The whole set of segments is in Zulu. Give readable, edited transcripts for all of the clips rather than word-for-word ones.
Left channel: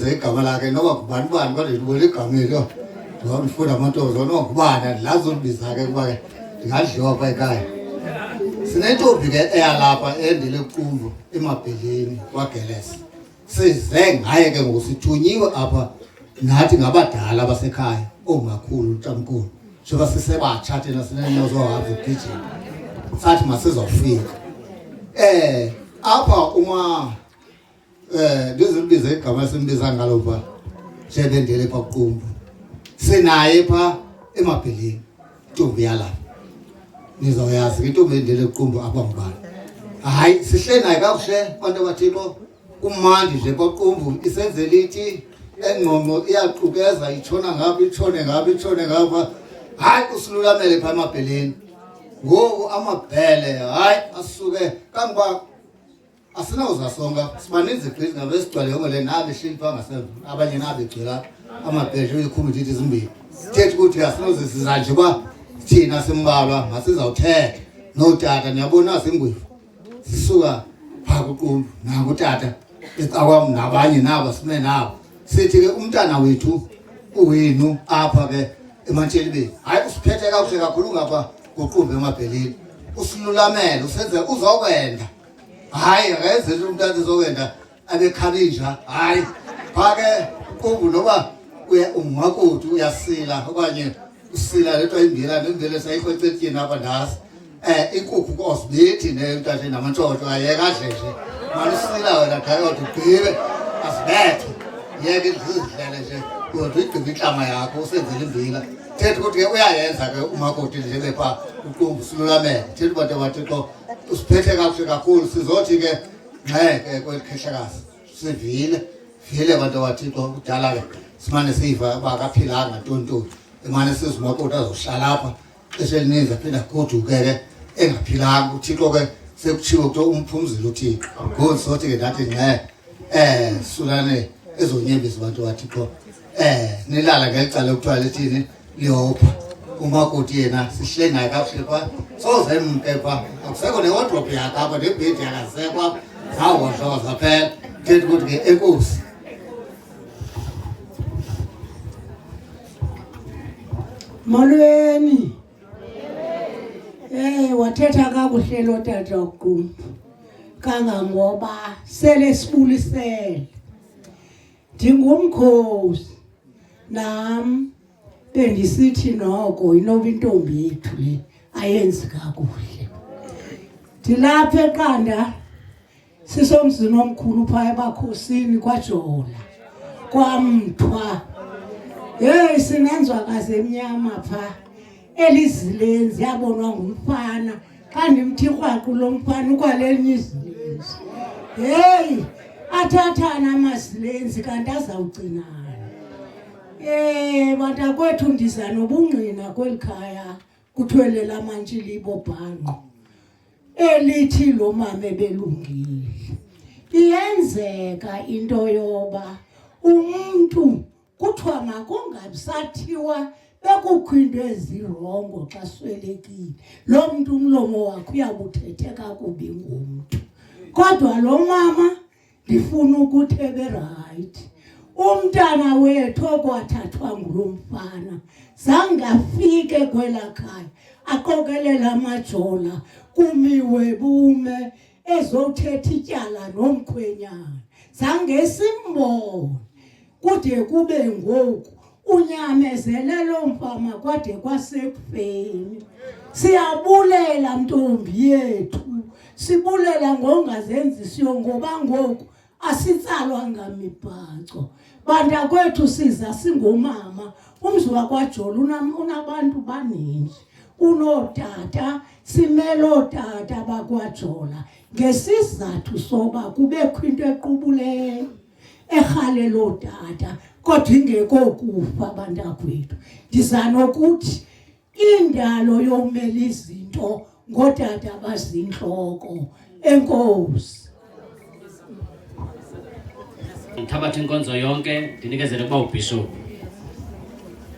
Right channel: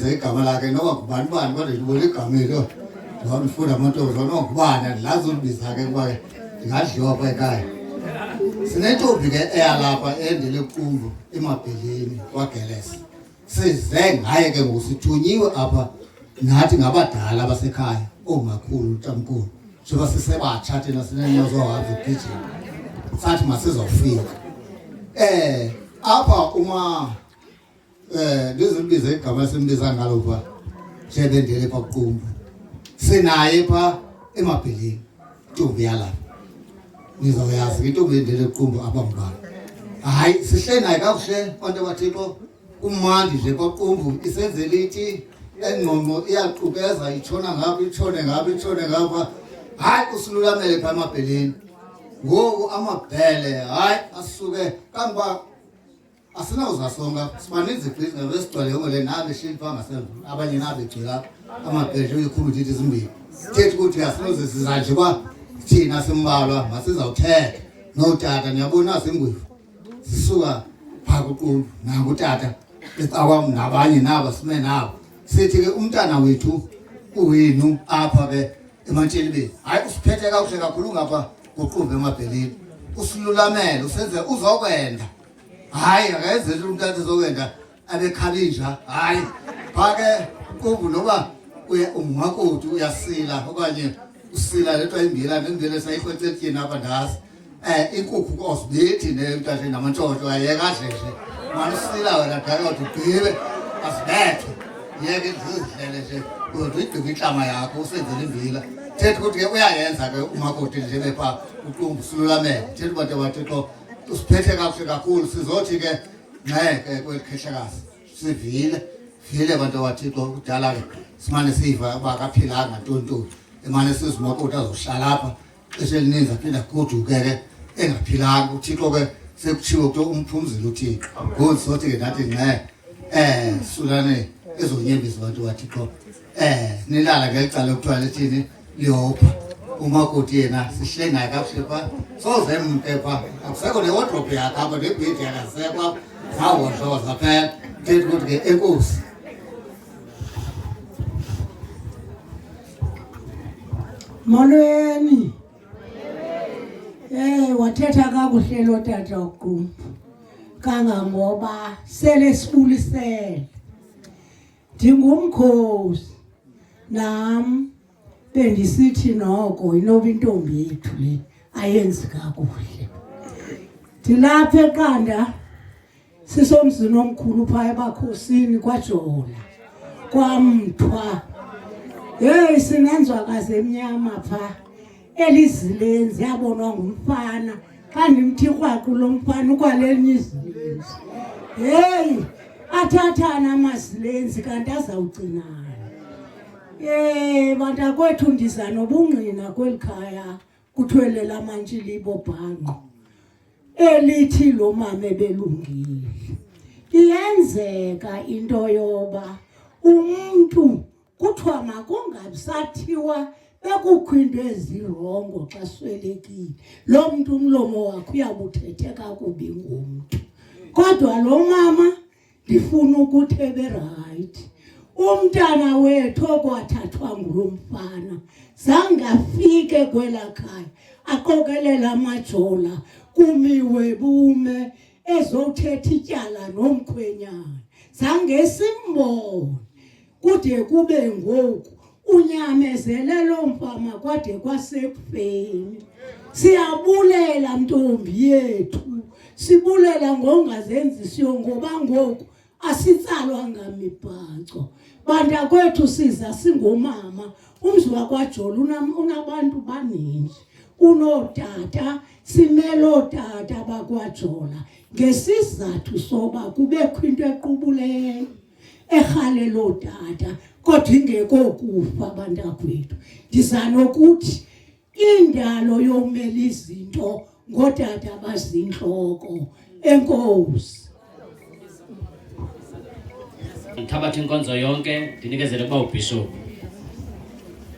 ulibize igama lakhe noba kubani bani kodwa libule igama elo ndifunda amantombazana nokubana lazulibiza ke kuba ke ndingadliwa apha ekhaya. Sinentombi ke eyalapha endele Qumbu eMabheleni kwaGelesa. Size ngaye ke ngoku sithunyiwe apha nathi ngabadala basekhaya omakhulu utamkhulu njengoba sisebatsha thina sinenozohambe ugijima sathi masizofika apha uma ndizilibize igama esimbiza ngalo pha njebendele pha Qumbu sinaye pha eMabheleni intombi yalapha nizoyazi intombi endele Qumbu apha ngubani. Hayi sihle naye kakuhle bantu bathixo kumandi nje kwaQumbu isenze lithi engqondo iyaqhubeza itshona ngapha itshone ngapha itshone ngapha. Hayi usilulamele pha eMabheleni ngoku amabhele hayi asuke kangoba asinawuzasonga sibaninzi igqithi ngabe sigcwele yonke le nabe shilipha ngasemva abanye nabe gcila amabhele ekhomitithi ezimbili thetha ukuthi asinoze sizanje kwa thina simbalwa masizawuthetha notata niyabona singwevu sisuka pha kuQumbu nangutata ecakwam nabanye nabo sime nabo sithi ke umntana wethu uwenu apha ke eMantshelibeni hayi usiphethe kakuhle kakhulu ngapha kuQumbu eMabheleni usilulamele usenze uzokwenda hayi akayenzeli umntana uzokwenda anekhalinja hayi pha ke Qumbu noba umnqwakuthi uyasila okanye usila lento imbila nembile sayikhwethetini apha ndasi inkukhu kosibethi nentathe namantshotho ayeka adleshe manisila wena dayodwa ugqibe asibethe yeke zizidlele nje kodwa igqibe inhlama yakho usenzele imbila thetha ukuthi ke uyayenza ke umakoti njebe pha uQumbu silulamele thetha bantu bathixo usiphethe kakuhle kakhulu sizothi ke ngeke kwelikhehleakazi sivile bantu bathixo kudala ke simane siva bakaphilanga ntontoni emane sizimakoti azohlala apha eselininzi aphinda goduke ke engaphilanga uthixo ke sekutshiwo ukuthi umphumzile uthixo ngoku sothi ke nathi sulane ezonyembezi bantu bathixo nilala ngelicala ekuthiwa lithini liyopha umakoti yena sihle naye kakuhle pha soze mke pha akusekho newodrophu yakhe apha nebhedi yakasekho apha zawodloza phela thetha ukuthi ke enkosi. Molweni wathetha kakuhle lo tata waQumbu kangangoba sele sibulisele ndingumkhosi nam bendisithi noko inoba intombi yethu le ayenzi kakuhle. Ndilapha eqanda sisomzini omkhulu phaa ebakhosini kwaJola kwamthwa hey sinenzwakazi emnyama pha elizilenzi yabonwa ngumfana xa ndimthi kwaqu lo mfana ukwalenye izilenzi hey athathana amazilenzi kanti azawugcinana. Bantakwethu ndiza nobungqina kweli khaya kuthwele lamantshilibo bhanqo elithi lo mama ebelungile. Iyenzeka into yoba umuntu kuthiwa makungabisathiwa bekukho into ezirongo xa swelekile lo mntu umlomo wakhe uyabuthethe kakubi ngumntu. Kodwa lo mama ndifuna ukuthi eberayithi umntana wethu okwathathwa ngulo mfana zange afike kwela khaya aqokelela amajola kumiwe bume ezothetha ityala nomkhwenyana zange simbone kude kube ngoku unyamezele lo mfama kwade kwasekufeni. Siyabulela ntombi yethu sibulela ngongazenzisiyo ngoba ngoku asitsalwanga mibhaco. Bantakwethu siza singomama umzi wakwaJola unabantu baninzi unotata simele otata bakwaJola ngesizathu soba kubekho into equbuleyo erhalela otata kodwa ingekho kufa bantakwethu. Ndiza nokuthi indalo yomela izinto ngotata bazintloko. Enkosi. Ngithabatha inkonzo yonke ndinikezele kuba ubishop.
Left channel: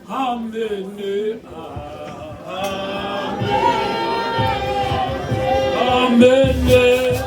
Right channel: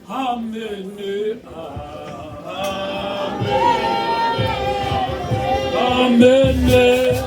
Amen. Amen.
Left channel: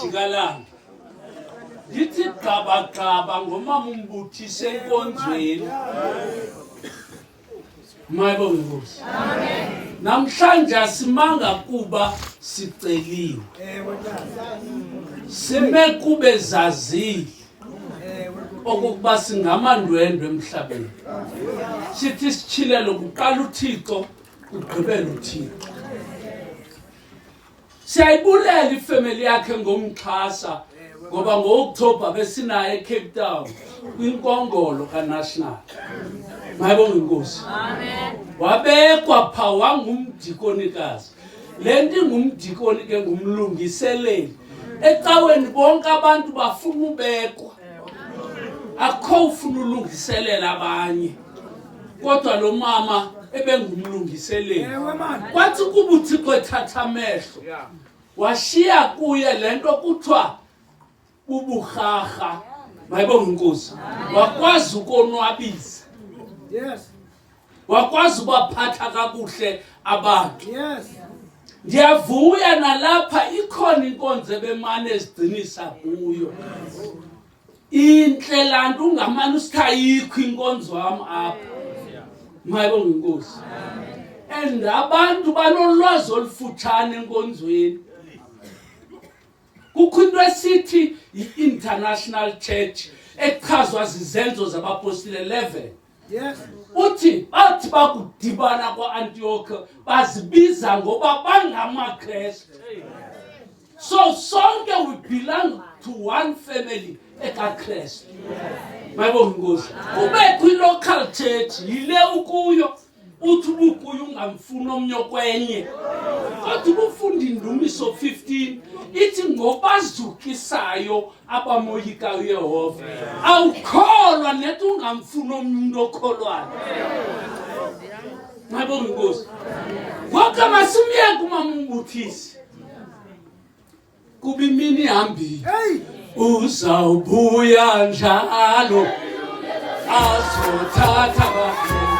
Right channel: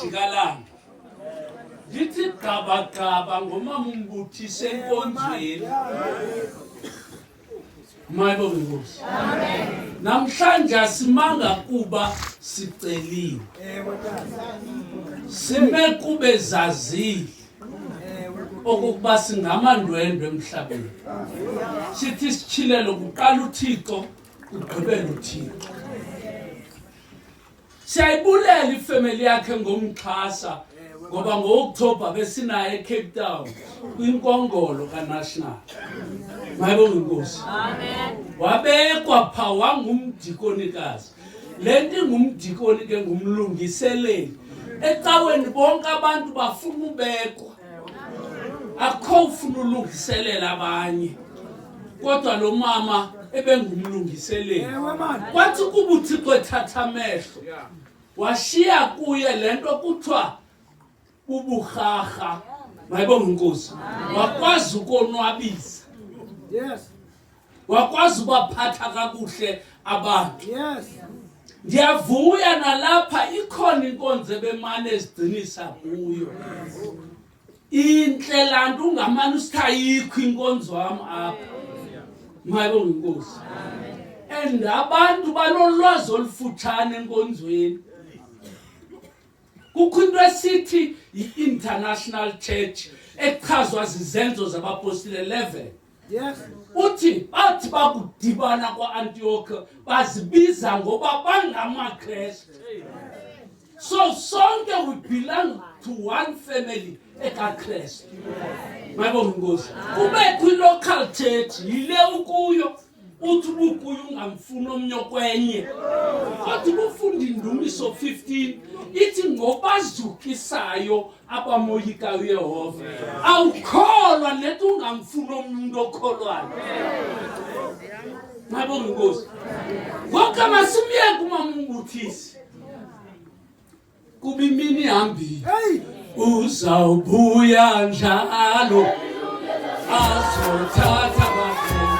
Jigalanga lithi gaba ngomama umbuthise enkonzweni. Mayibonge Nkosi. Amen. Namhlanje asimanga kuba siceliwe. Sime kube zazile. okokuba singamandwendwe emhlabeni. Sithi sichilelo kuqala uThixo kugqibela uThixo. Siyayibulela ifamily yakhe ngomxhasa ngoba ngo-October besinaye eCape Town kwinkongolo kaNational. Mayibonge inkosi. Amen. Wabekwa pha wangumdikonikazi. Lento ingumdikoni ke ngumlungiseleli. Ecaweni bonke abantu bafuna ubekwa. Akho ufuna ulungiselela abanye. Kodwa lo mama ebengumlungiseleli. Kwathi kuba uThixo ethatha amehlo. Washiya kuye lento kuthiwa ubuhaha. Mayibonge inkosi. Wakwazi ukonwabisa. Yes. Wakwazi ubaphatha kakuhle abantu. Yes. Ndiyavuya nalapha ikhona inkonzo ebemane ezigcinisa kuyo. Inhle lanto ungamane usithayikho inkonzo wami apha. Mayibonge inkosi. And abantu banolwazi olufutshane enkonzweni. Kukho into esithi i-International Church echazwa zizenzo zabapostile 11. Yes. Uthi bathi bakudibana kwa-Antioch bazibiza ngoba bangamaKristu. So sonke we belong to one family ekaKristu. Mayibonge inkosi. Kube kwi-local church yile ukuyo uthi ubukuyo ungamfuna omnye kwenye. Kodwa ubufunda indumiso 15 ithi ngobazukisayo abamoyikayo uYehova. Awukholwa nethi ungamfuna omnye umuntu okholwayo. Mayibonge inkosi. Ngoba masimyeke umamumbuthisi. Kuba imini ihambile. Uzawubuya njalo azothatha abafundi.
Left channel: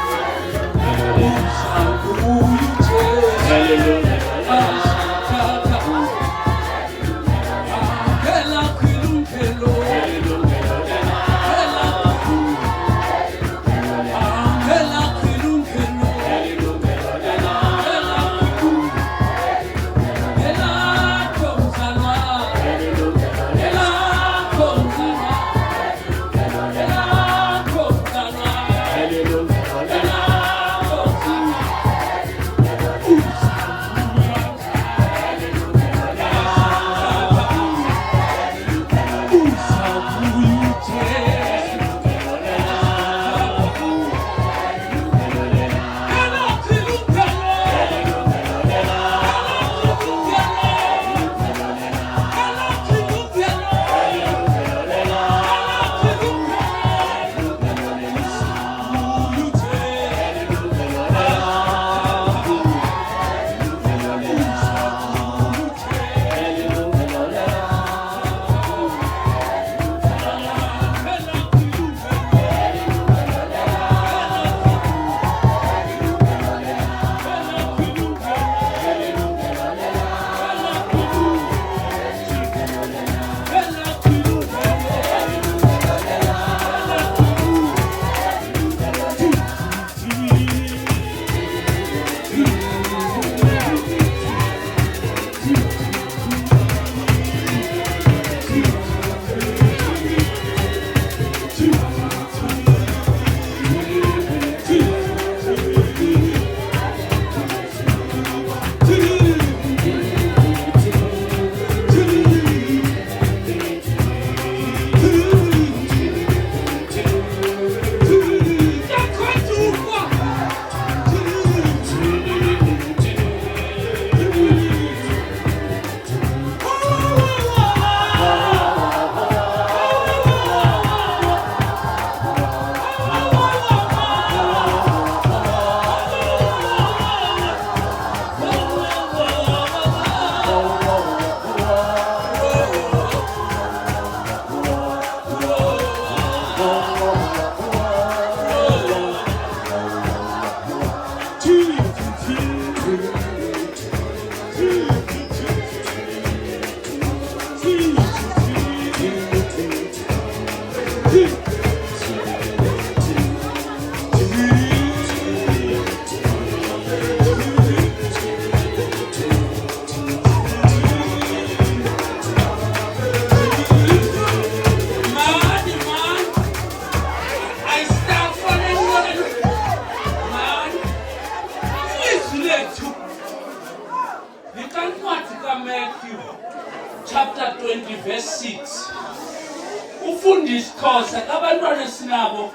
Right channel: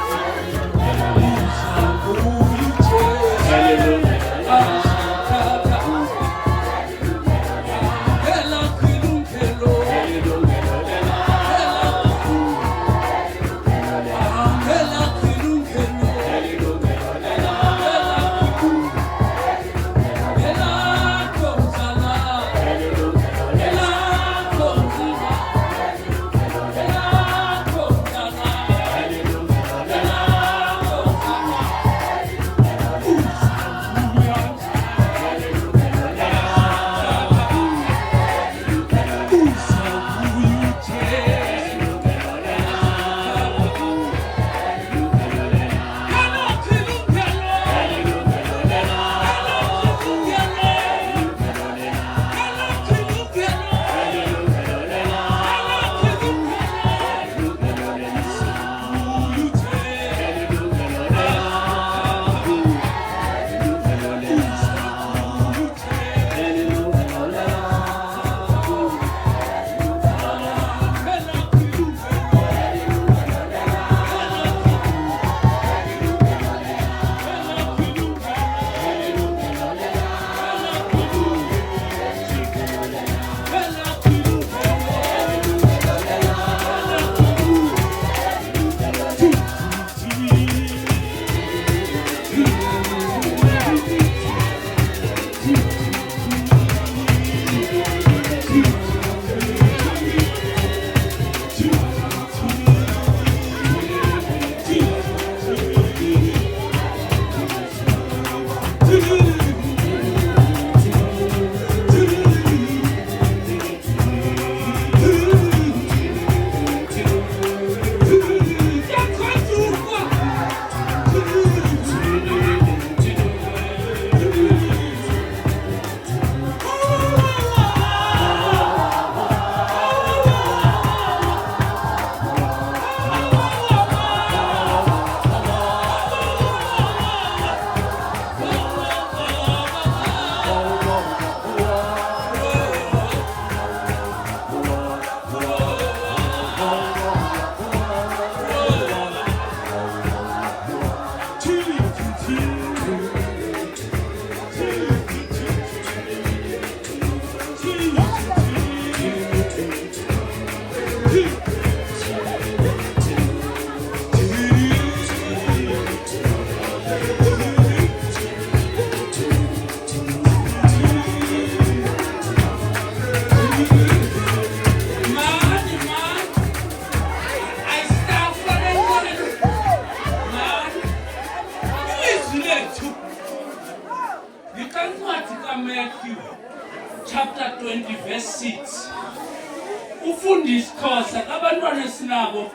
ufunda isiXhosa abantwana esinabo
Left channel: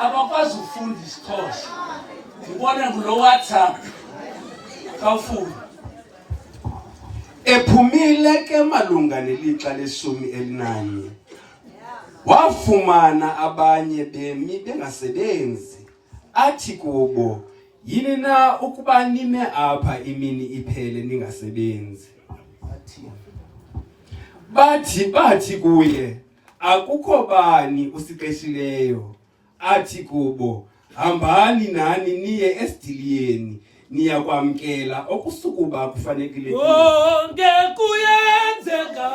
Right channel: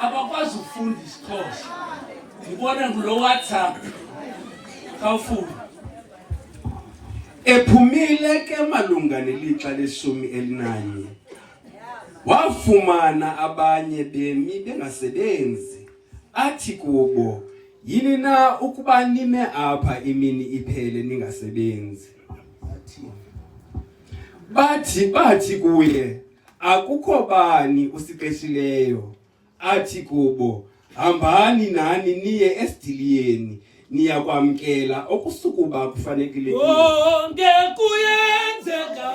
abakwazi ukufunda isiXhosa ngibona ngulo WhatsApp kawufunda Ephumile ke malunga nelixa le-11 wafumana abanye bemi bengasebenzi athi kubo yini na ukuba nime apha imini iphele ningasebenzi bathi kuye akukho bani usiqeshileyo athi kubo hambani nani niye esidiliyeni niya kwamkela okusukuba kufanelekile konke kuyenzeka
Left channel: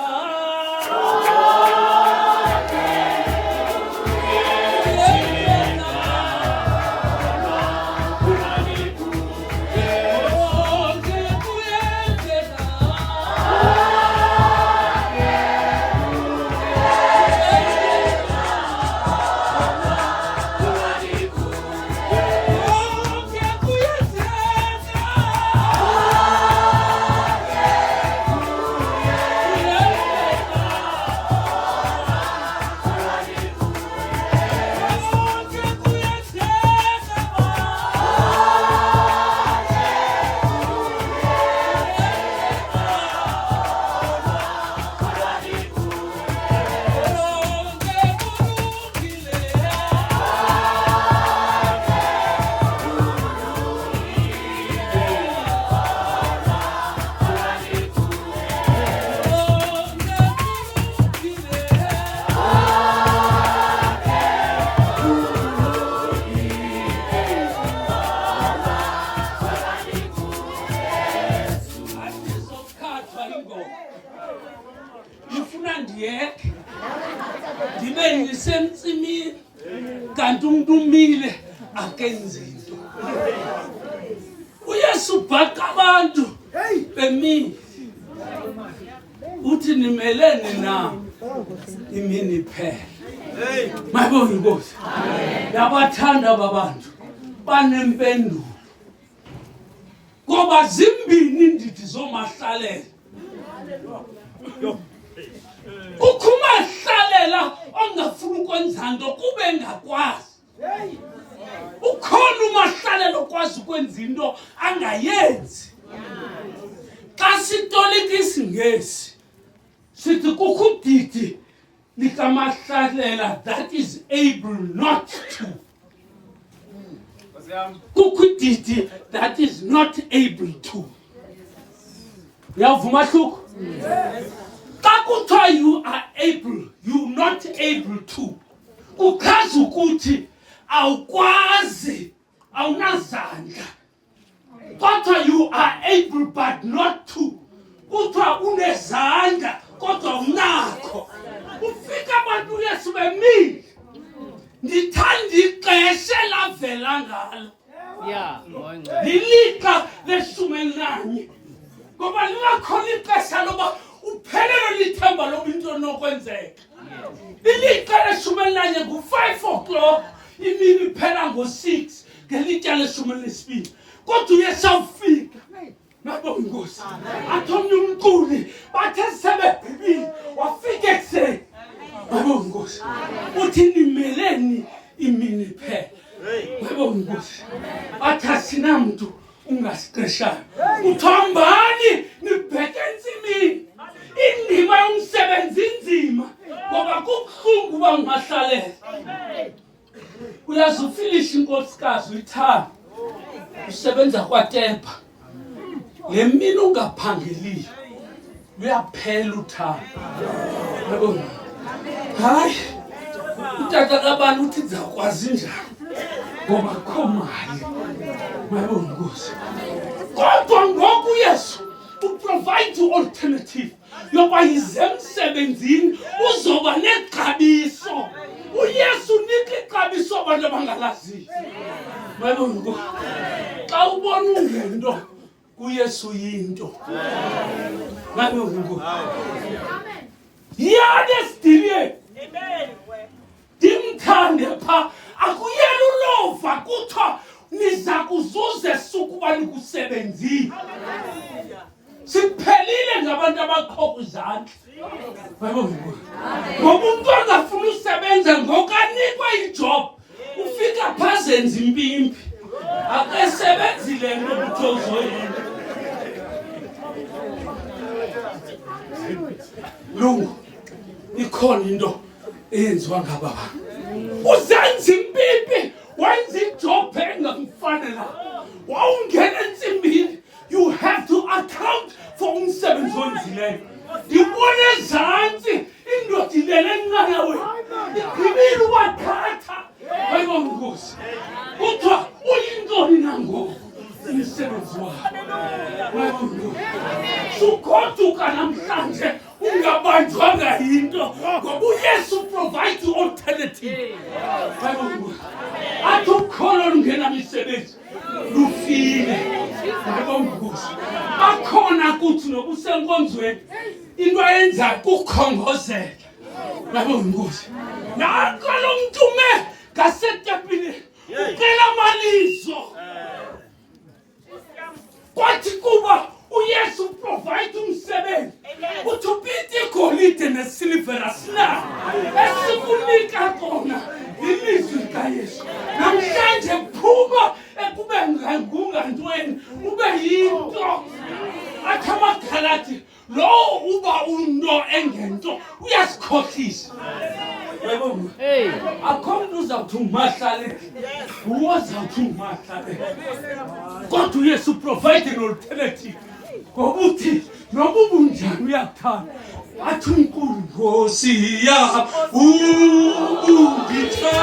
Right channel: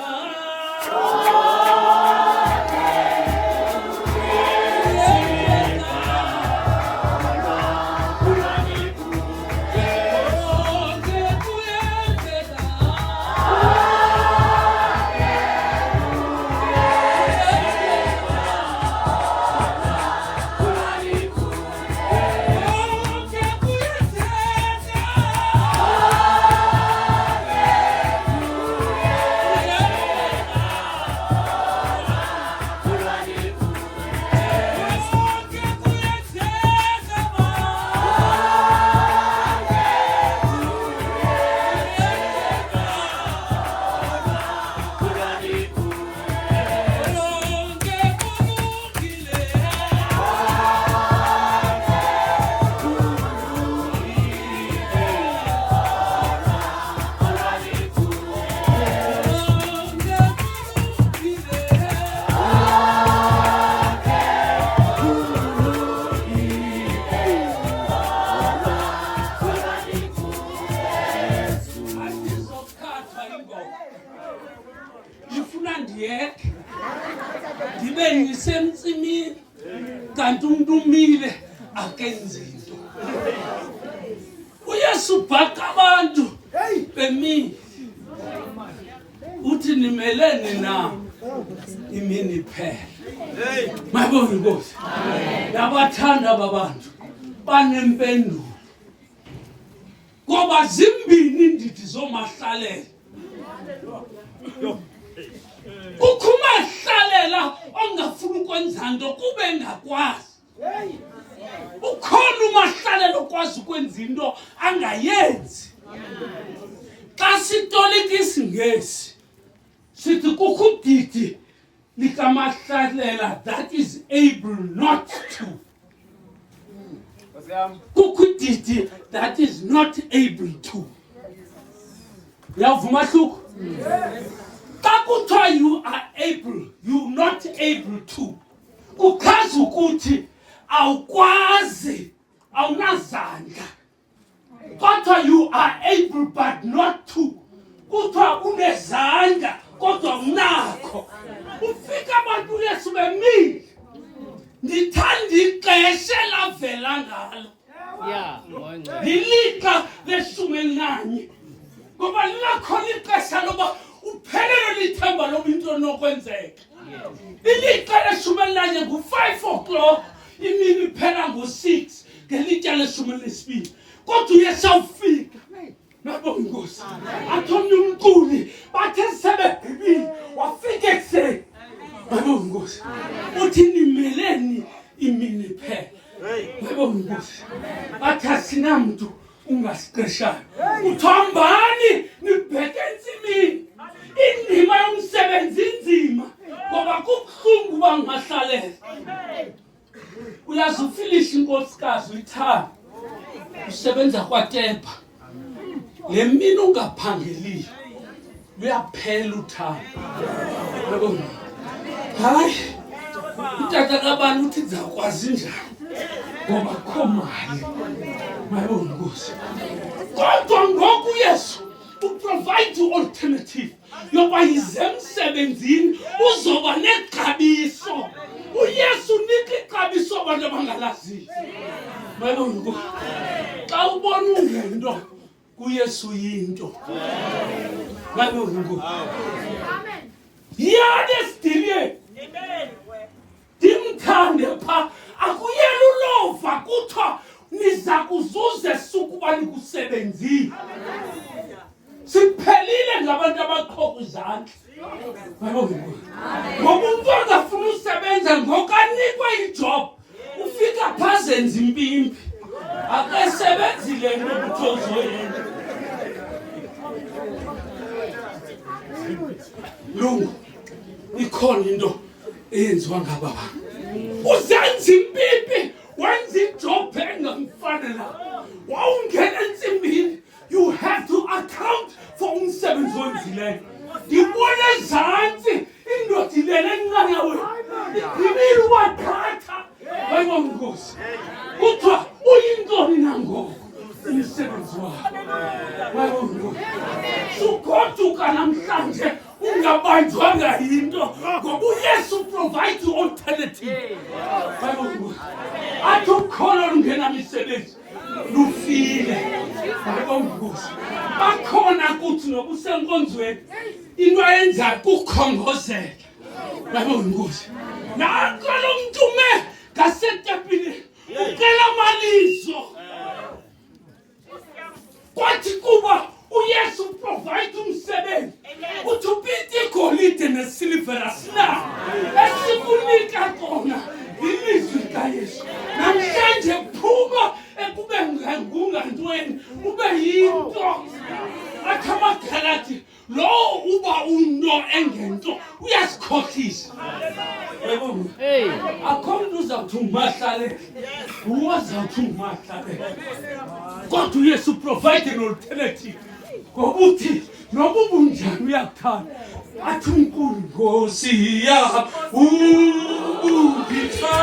ndibe ngisemtsimini kanti umuntu umile akenzi into uYesu bhaqa abantu bemile uthi nimelene na imini iphele mayibonge inkosi yabathanda ababantu banempendulo ngoba zimbini indidi zomahlalela ukumahlalela ongafuna ukwenza nto kube engakwazi ukhona umahlalela okwazi ukwenza into angayenzi xa sitolika isingesi sithi kukho udidi likamahlalela that is able not to kukho udidi that is not able to uyavuma mahluko xa kuthiwa you are able you not able to uchaza ukuthi awukwazi awunazandla kodwa you are able but not to kuthiwa unezandla kodwa unakho ufika abantu Yesu bemile ndithanda ixesha lavela ngalo lilixa le-11 ngoba lingakhona ixesha loba uphelelo lithemba loba into enokwenzeka ilixa le-11 ngu-5 o'clock imini iphela ngo-6 ngelitya le-12 kodwa uYesu awufika nabonga inkosi athi omnye umculi bathe sebebhibile wafika ekuseni nabonga inkosi uthi nimeleni imini iphela nabonga inkosi bathi asinamntu ungasiqeshayo uthambani nibheke entsimini indima yomsebenzi inzima ngoba kubuhlungu uba ungahlalela uyazi ufilisha inkosikazi uyithanda usebenza kwaTepa le mina ungaphangeliyo luyaphela uthando hayi utata kabani uthi ndizakwazi njani ngoba akho mali mayibona inkosi kodwa ngoku uYesu uprovide alternative yoba yize emsebenzini uzoba nexabiso uYesu unika ixabiso abantu abangalaziyo mayibona inkosi xa ubona ungento kuYesu yinto mayibona inkosi yade sidiliye dimthande pha akuyela ulova kuthiwa niza kuzuza esuku uba nikusebenzile Siphelile ngabantu abaqhoka izandla. Ngoba umuntu angafuna usebenza ngokanikwe ijob ufika phazenza impimpi akesebenzile nokujozoyena. Lungu ikhona into eyenziwa ngababa. Uzenza impimpi wenza ijob engamfanela. Wawungena ensimbini. You have to account for umsebenzi wenzileyo. Ngibona ezantsi indoda ilele encane wena. Iphilile wathatha. Bayibongosi. Kuthiwa uyintoni nangoku umsebenzi wakho. Bayibongosi. Sugoduka namhlanje ungabanjwanga yinto ngoba uYesu provide alternative. Bayibongosi. Athi ukholo lungena misebenzi. Lufile. Bayibongosi. Bakhona kuthi nokusenkonzweni into ayenza kukhongozela. Bayibongosi. Nanko lo mntume ngasetapini ucela amalizo. Kwathi kuba uYesu provide umsebenzi. Uthupite igolide nesilver asina. Esikunika kona ilizwi likaYesu. Namhlanje phuma ekube ngungantweni ube yinto. Athi amaGalati lo uba unto engento uyasikhohlisa. Hey, akho umuntu uzawuthi umahlale. Uwazawuthi umahlale. Kodwa uYesu provide an alternative. Ngokuthi noma ubunjani uyakuthanda. Athi uNkulunkulu Nkosi ya ungitha.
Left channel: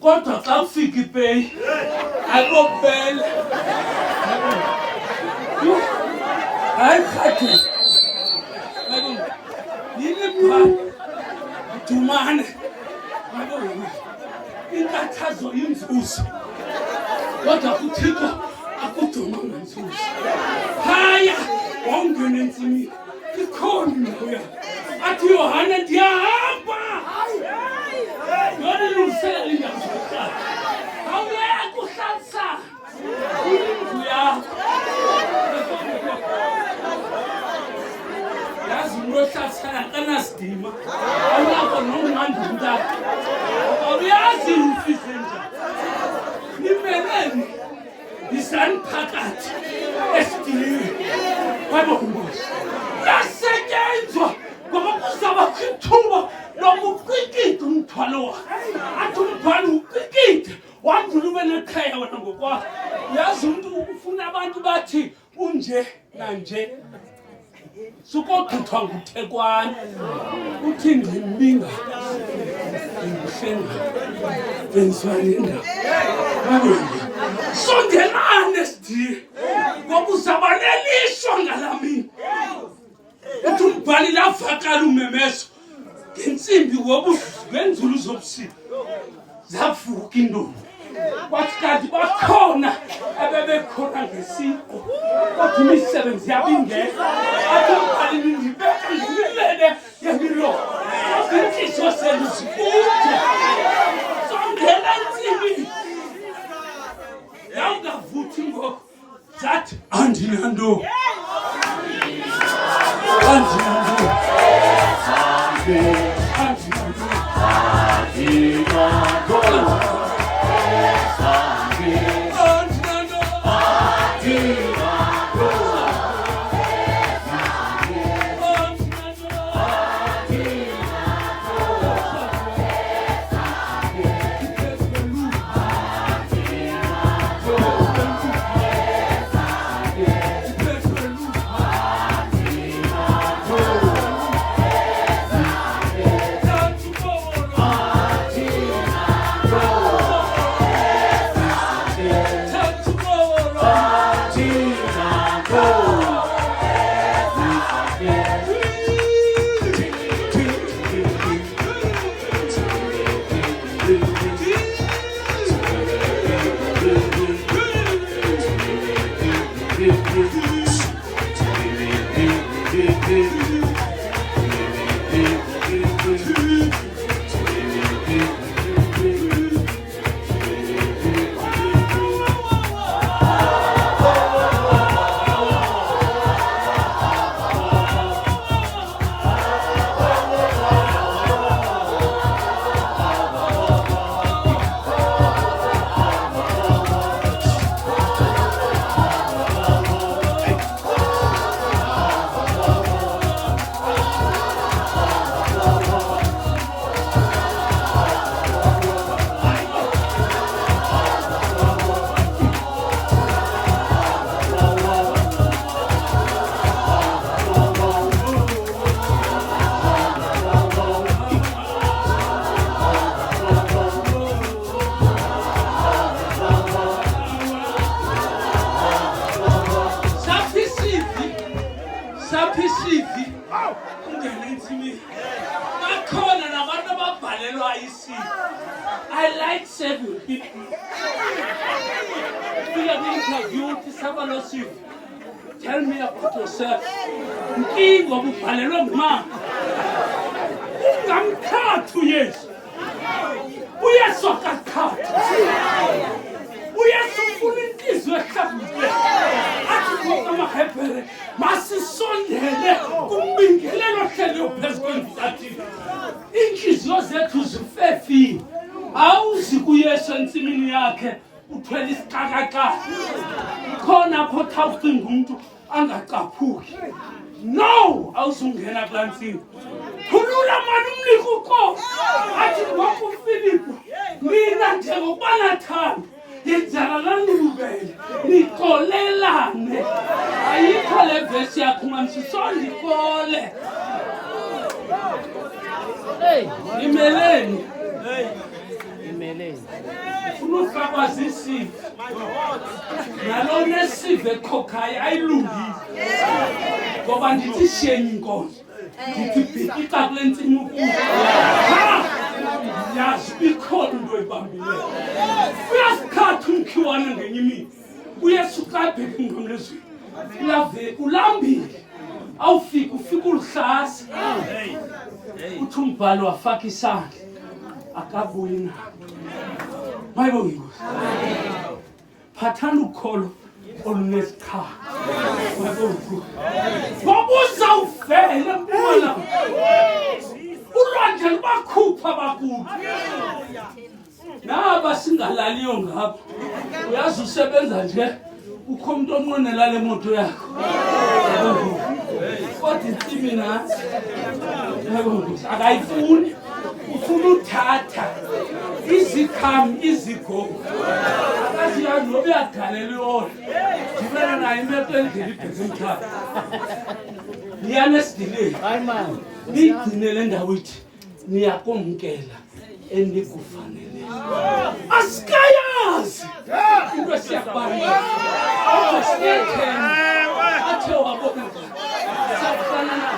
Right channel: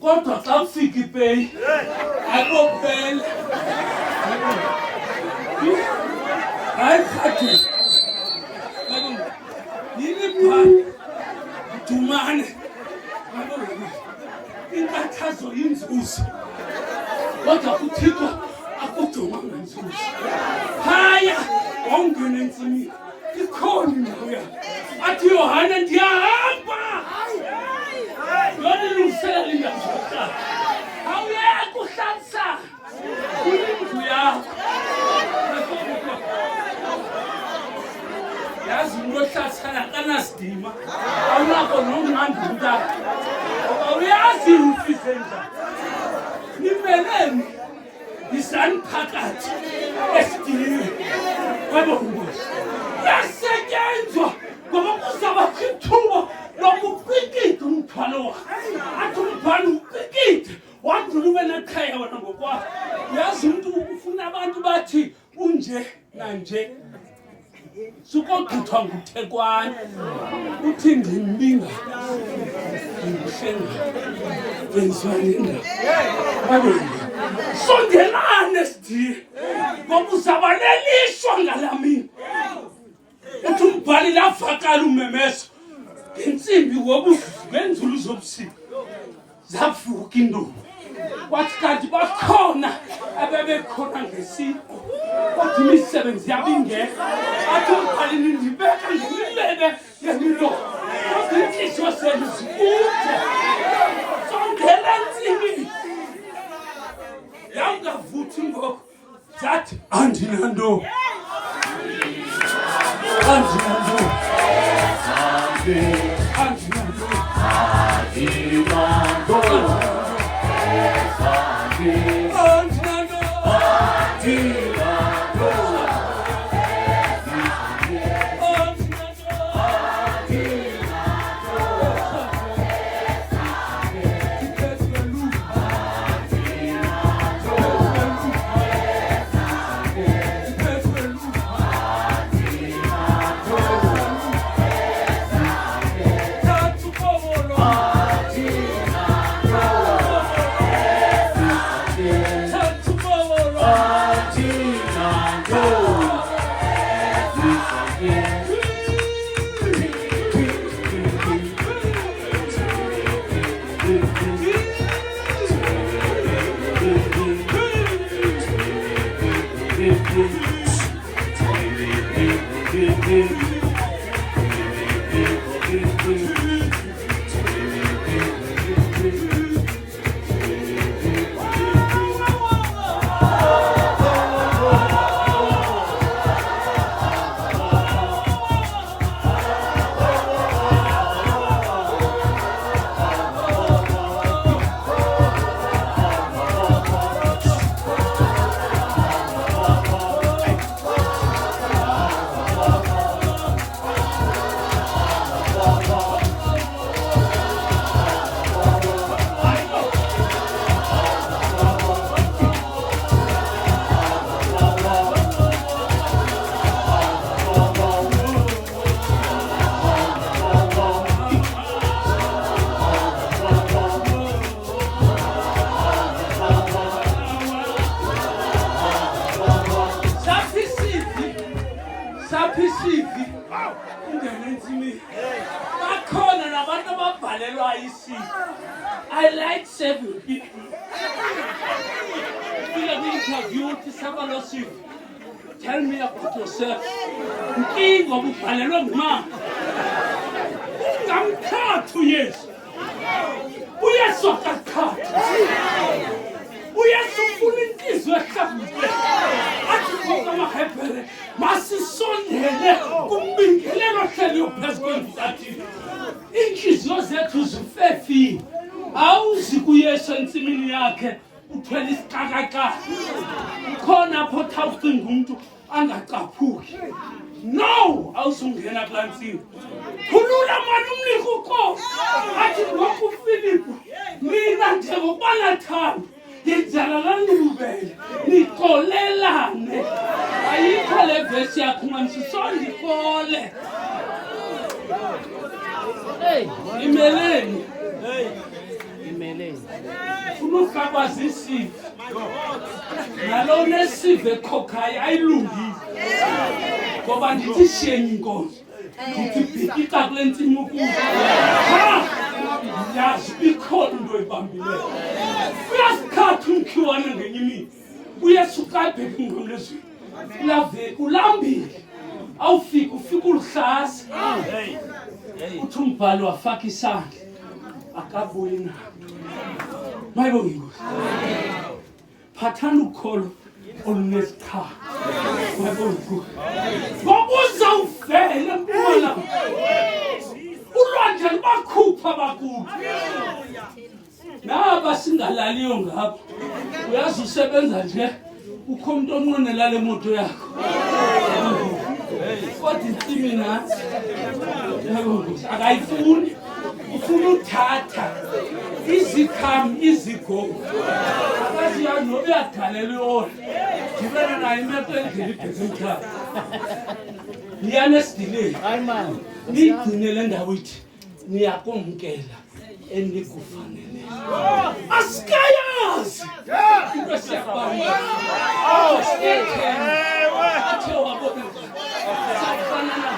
Kodwa xa ufika ipeyi akopele. Hayi khathe. Yini phana? Dumane. Inkathazo inzuzo. Kodwa kuthixo akudumanga inzuzo. Haya wawungena entsimini. Ikhona indawo yakho. athi Yohane ndiyahamba yona ilungiselela indawo zokuhlala awuyeke uhlalisa indlu yakho yazi umuntu ohlalisana kanasidima awunako nomnqanda umntana awuyazi ufise njani nimeleni yisani phakathi esidimeni kwabongozi yasetyenzwa ngoba kuzabakho ithuba lokuqikida umthwalo wakhe athi umthwalo uqikide wadlula ube nekhaya wena ngokwakho uyazi umntu ufuna abantu bathi unje nanje sukochithwa nguThekwane uthi ndimbinga ngihlenga wenzani indawo abonga sondelane sidiye ngoba uzabaleliswa ngalamini uthi umbhali lavakala umemeso ngensimbi ngenzulu zobusika zavuka indumbu kwathi kanti bakhona abebekhona ngesiko kwathi imisebenzi yabo ingekho athi umbhali nindibeka ngemilene yemilo inhliziyo zenu zikude sondela nsimini yawungavuthi ngoko zathi andinanto I like serving people. Tell me about yourself. King of Palelong man. Come cut 2 years. We are so cut. We are so full in this. We are so Masi Sunday, Kumbing, never tell your best going to that. Inhliziyo zethu zifefi awuzikuyesha ensimini yakhe uthwele isiqakaka khona pho thawucinga umuntu angaqaphuki no awusungena kulantsini khulula manje umnika uqobo athi ngoku uFilipu mina njengoba nathanda yenzala lanilubele niqolelane ayikho le verse yakho ngamsisondikole imeleni ufuna zisive nalo nesive khokhayo ayilungile ngoba ndithi shenye inkonzo ndithi bhikika kule ntsimi ukuza yazi ikhona into oyibambileyo uyasikhatha umkhiwane ngenye imini uyesuka abheke ngomlezweni ulambile awufika ufika ulihlasa uthi umbhalo wafaka isandla akabuyi na mayibonge inkosi phathana ukholo olunesikhala mayibonge ngoba uzawuvela empumala ulwandle lubakhupha bakulu naba singalaliyo ngapho uyazi usebenza nje ukho umuntu onqonela le moto yakho kodwa intsimi nathi akayifuni ufuna uthatha izikhamu izigo akaziyazi noba uyagalela yona ngibena nayo imeto endlela ibheke emhlaba niyane esidileni niyigcine le ndawo ithi niyakumkela endikufanele asikayazi into esiyakubamba asiyethena athe wabona sakufana na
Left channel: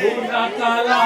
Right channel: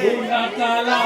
bonakala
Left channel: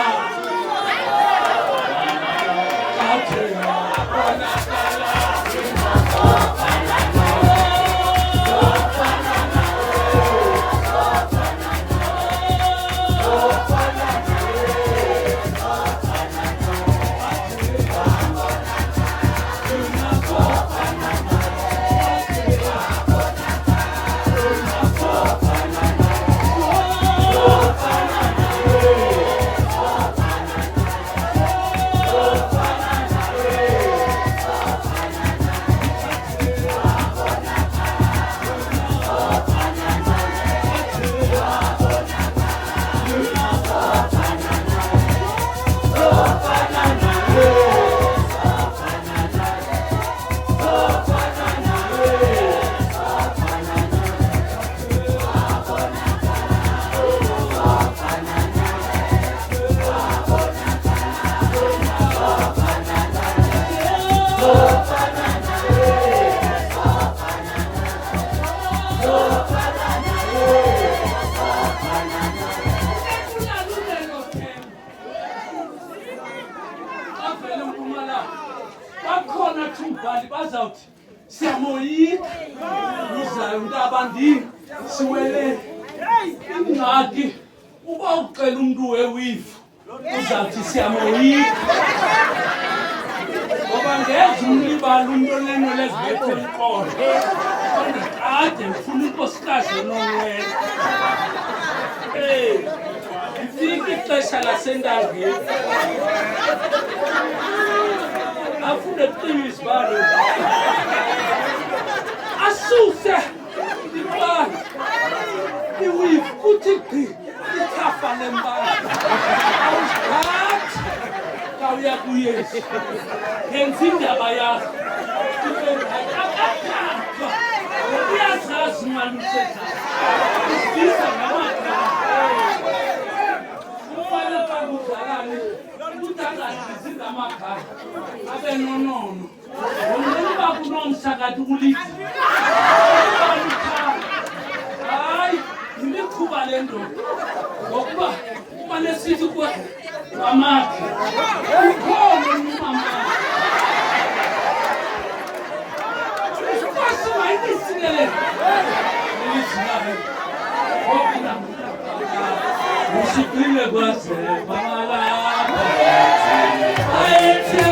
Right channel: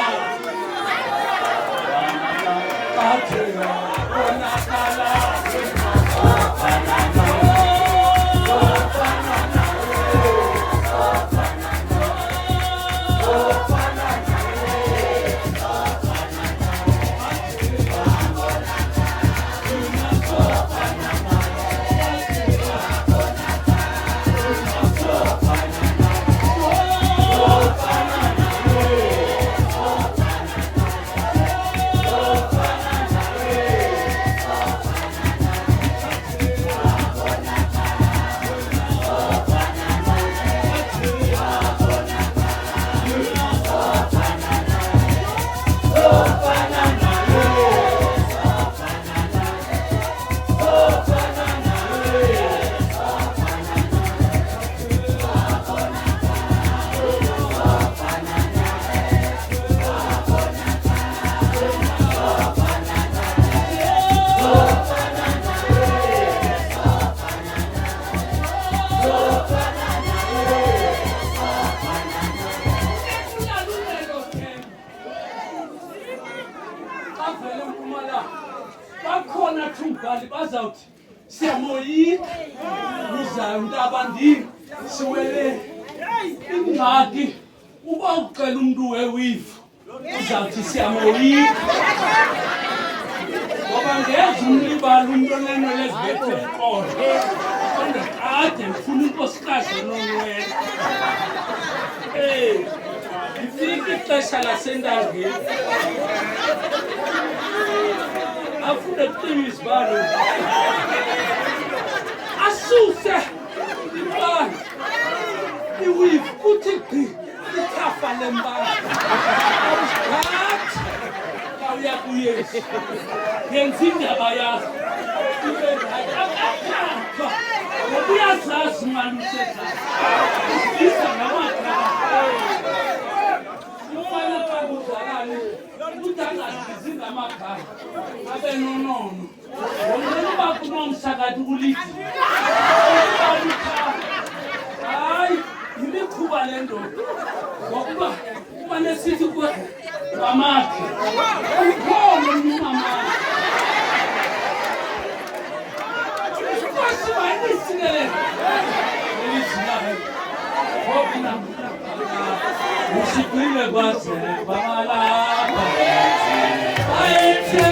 bazawuthi siyamoyika uzayo ntabandini siwele ingxaki uba ucela umuntu wewifu uzawuthi siyamoyika ngoba ngeze umlibala umuntu onenwele ezibethe eqolo kodwa kade ngifuna unkosikazi enonwele ifika ixesha lasentangeni afune kucima izibalo asuse ibala iwifu kuthi gqi ithafa lembala awusigathi kawuya kuyesu yenza indaba yakho akathathwa uyazazi mani usezazi ufisa ngamagama ufane kakudlalane ukuthi angazizi ngamagama abe nonono ngoba kunomsakathi ulithi hayi imikhuba le ndoda ngokuba kumane sithi kwamakhe ukhona umamakhe kwasiba isingelele elizinayo ngoba usiphile kwaze bangalapha ayethe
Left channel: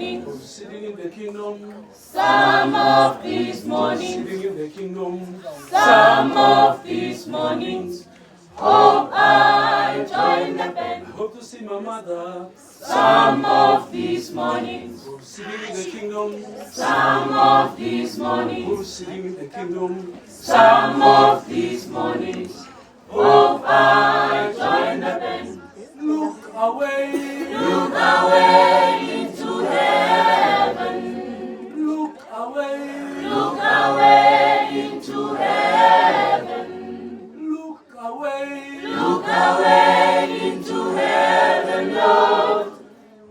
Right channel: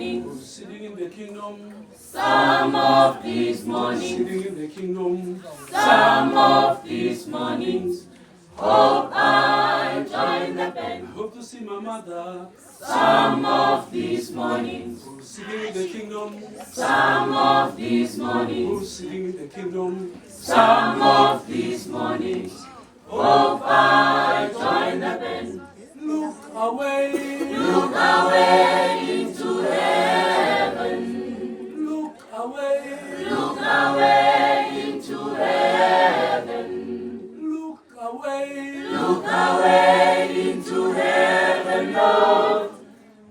mornings. Sitting in the kingdom. Some of these mornings. Sitting in the kingdom. Some of these mornings. Hope I join the band. I hope to see my mother. Some of these mornings. Sitting in the kingdom. Some of these mornings. Sitting in the kingdom. Some of these mornings. Hope I join the band. Look away. Look away into heaven. Look away. Look away into heaven. Look away. Look away into heaven, Lord.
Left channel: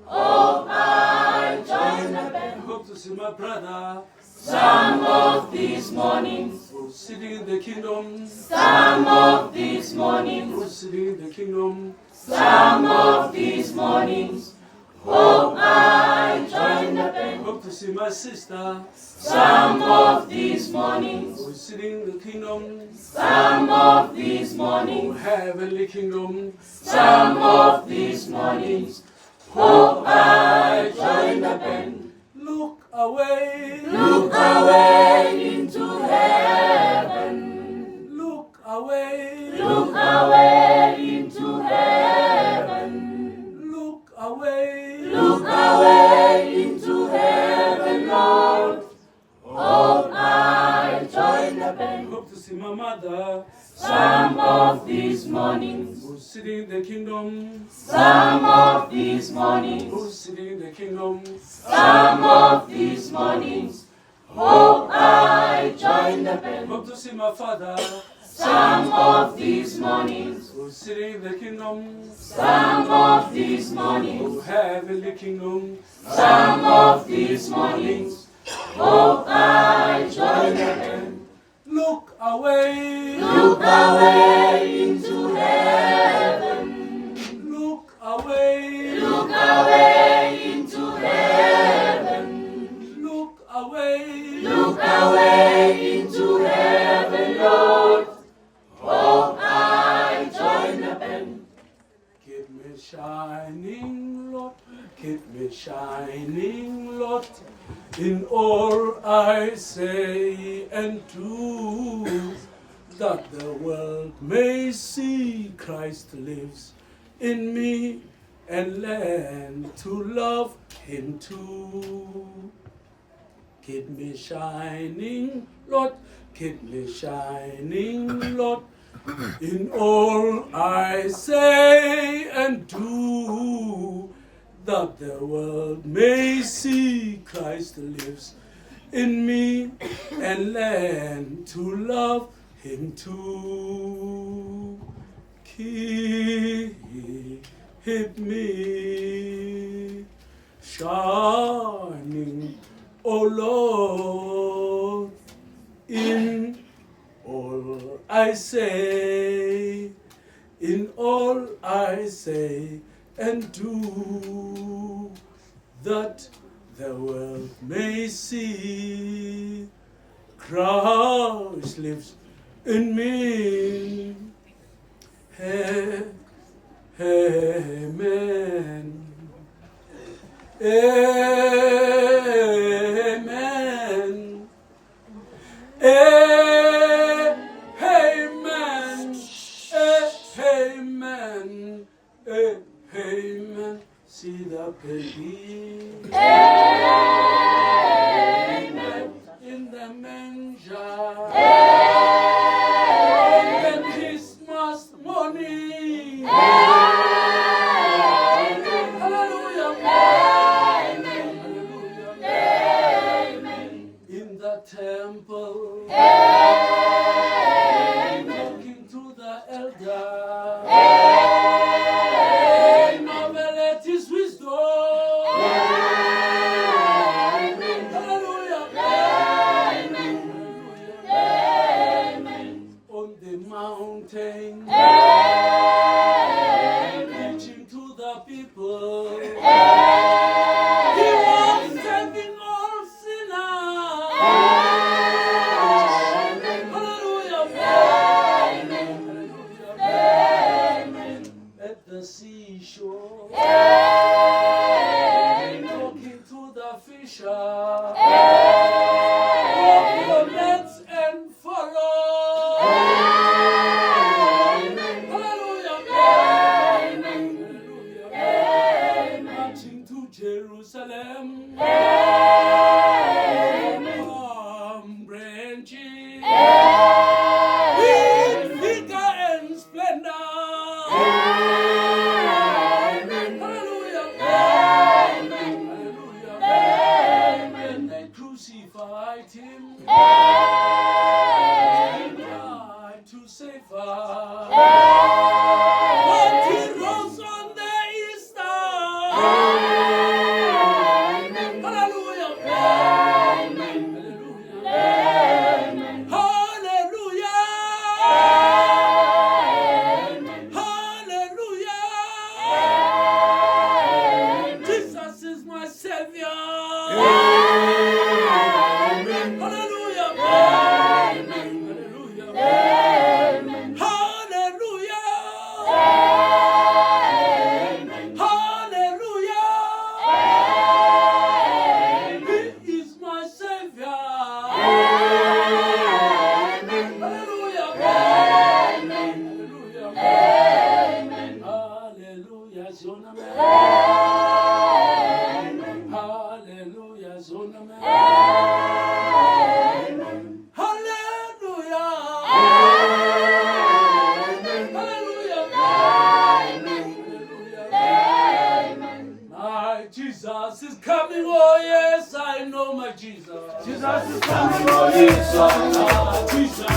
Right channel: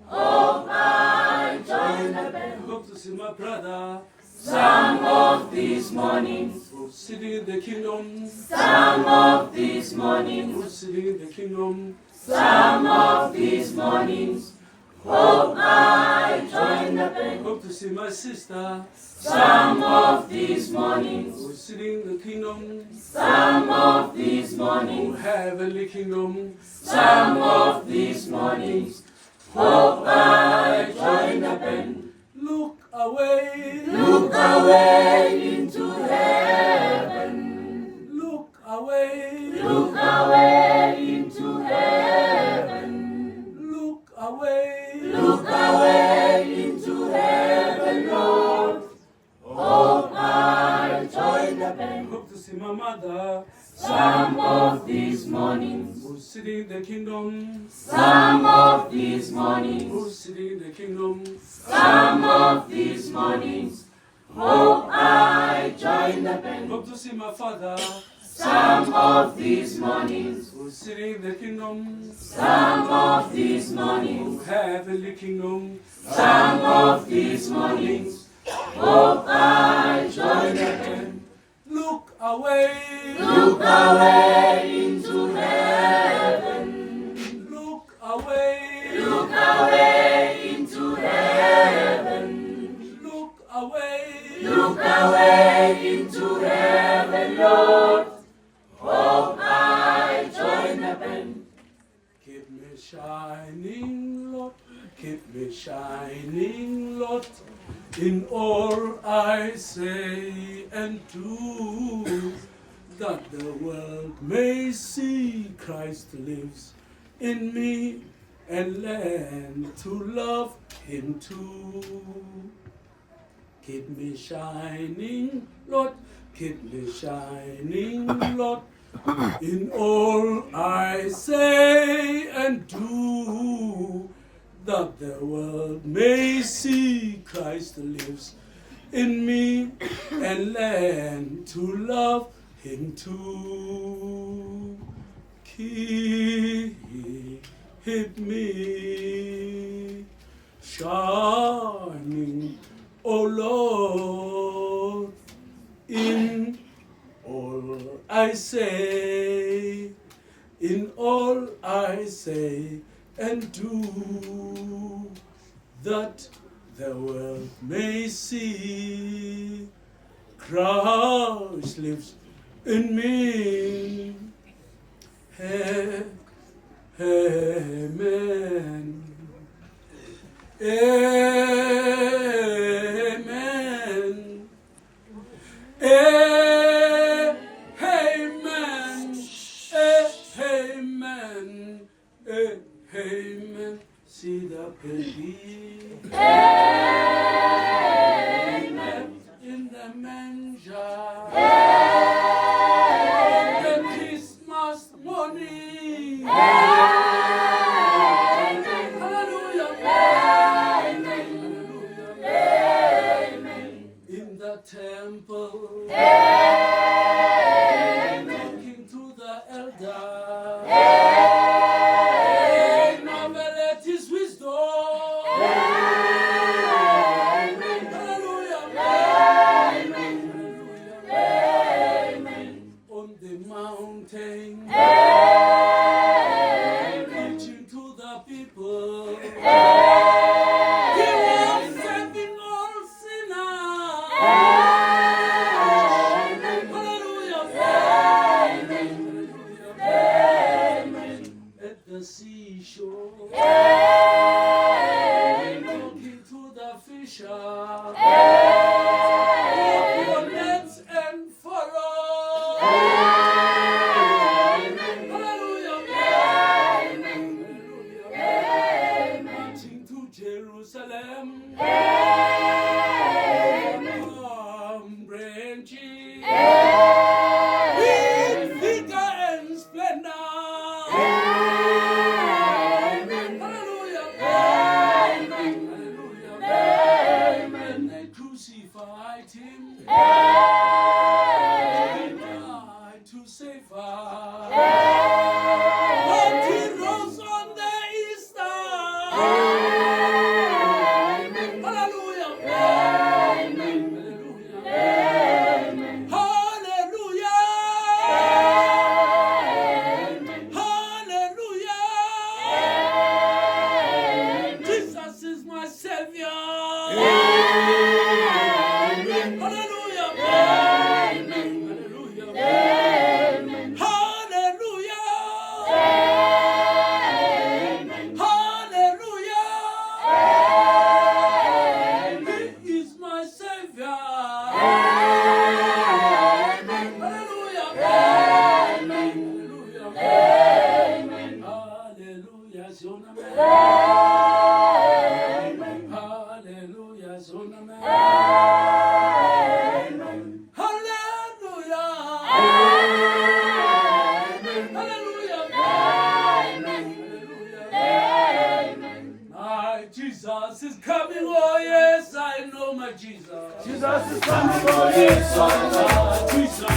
Hope I join the I band. hope to see my brother. Some of these mornings. Sitting in the kingdom. Some of these mornings. Sitting in the kingdom. Some of these mornings. Hope I join the I band. hope to see my sister. Some of these mornings. Sitting in the kingdom. Some of these mornings. Heavenly kingdom. Some of these mornings. Hope I join the band. Look away. Look away into heaven. Look away. Look away into heaven. Look away. Look away into heaven, Lord. Hope I join the I band. hope to see my mother. Some of these mornings. Sitting in the kingdom. Some of these mornings. Sitting in the kingdom. Some of these mornings. Hope I join the I band. hope to see my father. Some of these mornings. Sitting in the kingdom. Some of these mornings. Heavenly kingdom. Some of these mornings. Hope I join the band. Look away. Look away into heaven. Look away. Look away into heaven. Look away. Look away into heaven, Lord. Hope I join the band. Keep me shining, Lord. Keep me shining, Lord. In all I say and do, that the world may see Christ lives in me and learn to love Him too. Keep me shining, Lord. Keep me shining, Lord. In all I say and do, that the world may see Christ lives in me and learn to love Him too. Keep me shining, O Lord, in all I say, in all I say and do, that the world may see Christ lives in me. Amen. Amen. Amen. Amen. Amen. See the baby. Amen. In the manger. Amen. The Christmas morning. Amen. Hallelujah. Amen. Amen. In the temple. Amen. Talking to the elder. Amen. Marvel at his wisdom. Amen. fisher. Drop your nets and follow. Hallelujah. Hallelujah. Marching to Jerusalem. Palm branches. With vigor and splendor. Hallelujah. Hallelujah. When they crucified him, he died to save us. But he rose on the Easter. Hallelujah. Hallelujah. Hallelujah. Hallelujah. Jesus is my Savior. Hallelujah. Hallelujah. Hallelujah. Hallelujah. He is my Savior. Hallelujah. Hallelujah. Hallelujah. Zona me. Hallelujah. Zona me. Hallelujah. Hallelujah. Hallelujah. My Jesus is coming. Oh yes, I know my Jesus. Jesus is coming. Oh yes, I know my Jesus.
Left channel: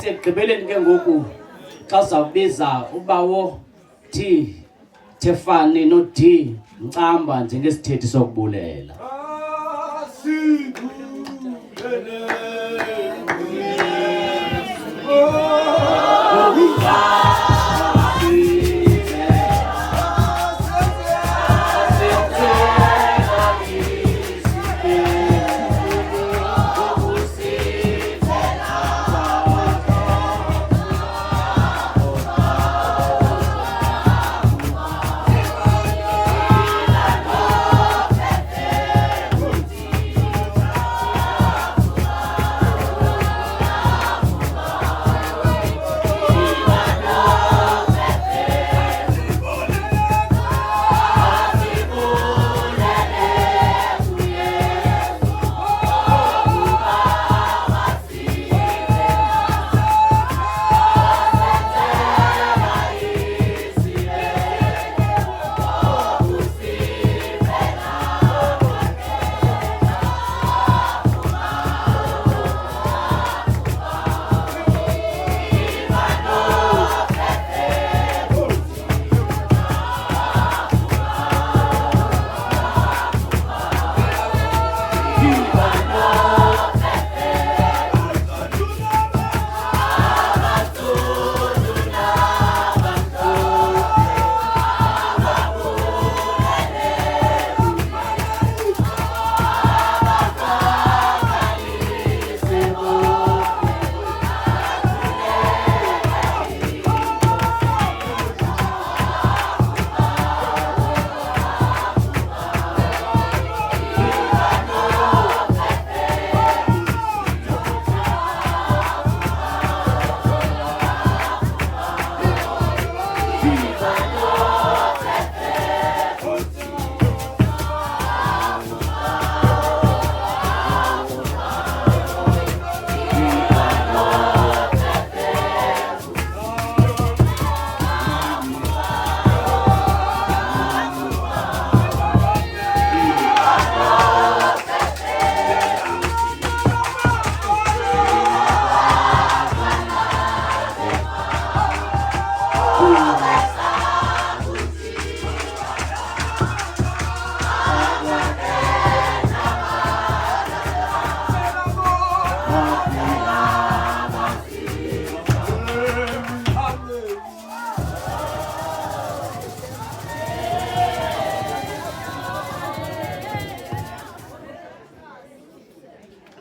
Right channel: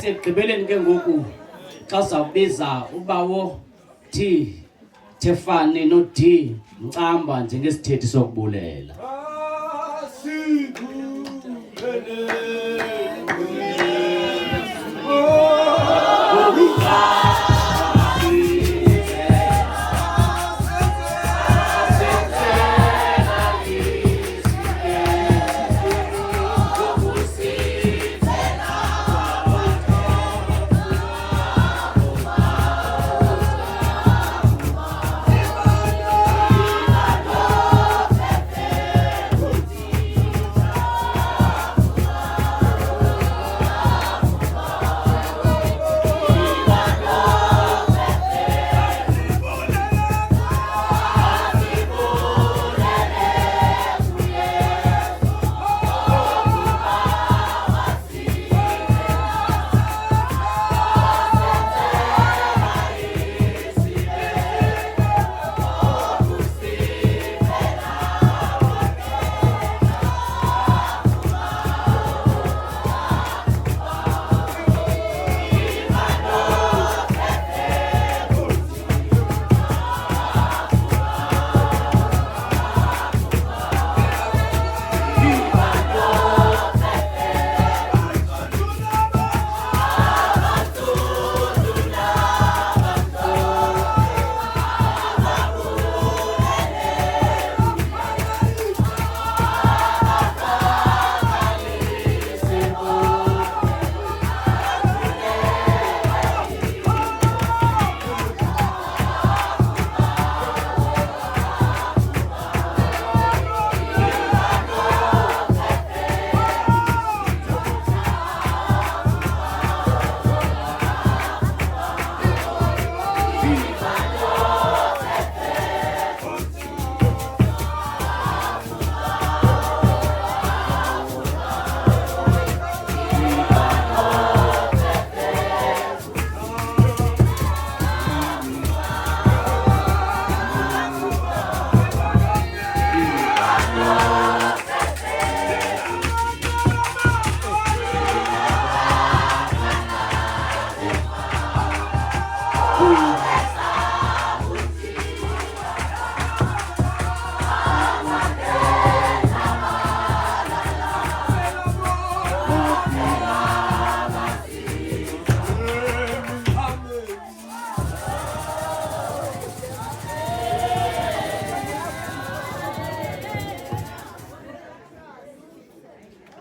Sekugqibeleni ke ngoku xa uzawubiza ubawo T Tefani no D Mcamba njengesithethi sokubulela.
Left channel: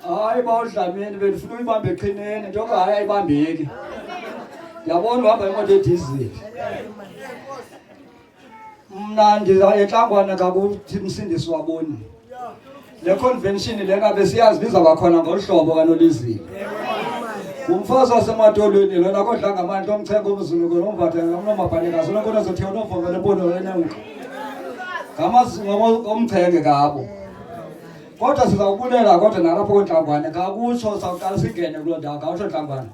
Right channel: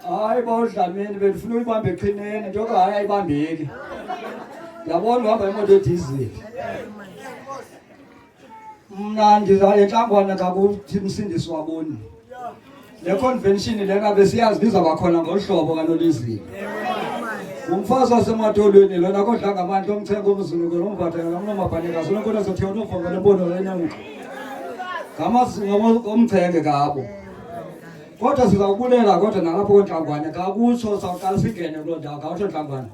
Hayi bawudlamini bendifuna uyibambe eqhineni njengoba hayi ayibambeki. Yabona uhamba imoto edizili. Mna enhlangwana kakuthi Msindisi waboni. Le convention lena besiyazi bizaba khona ngohlobo kaNolizile. Umfazi wasemadolweni lona kodla ngamandla omthenga umzulu kunombatha nomabhaneka sonke kunezotheka novongela embono lena ngqo. Ngamazingo omthenge kabo. Kodwa sizawubulela kodwa nalapho konhlangwane kakutsho sawuqala singene kuloo ndawo ngawusho nhlangwane.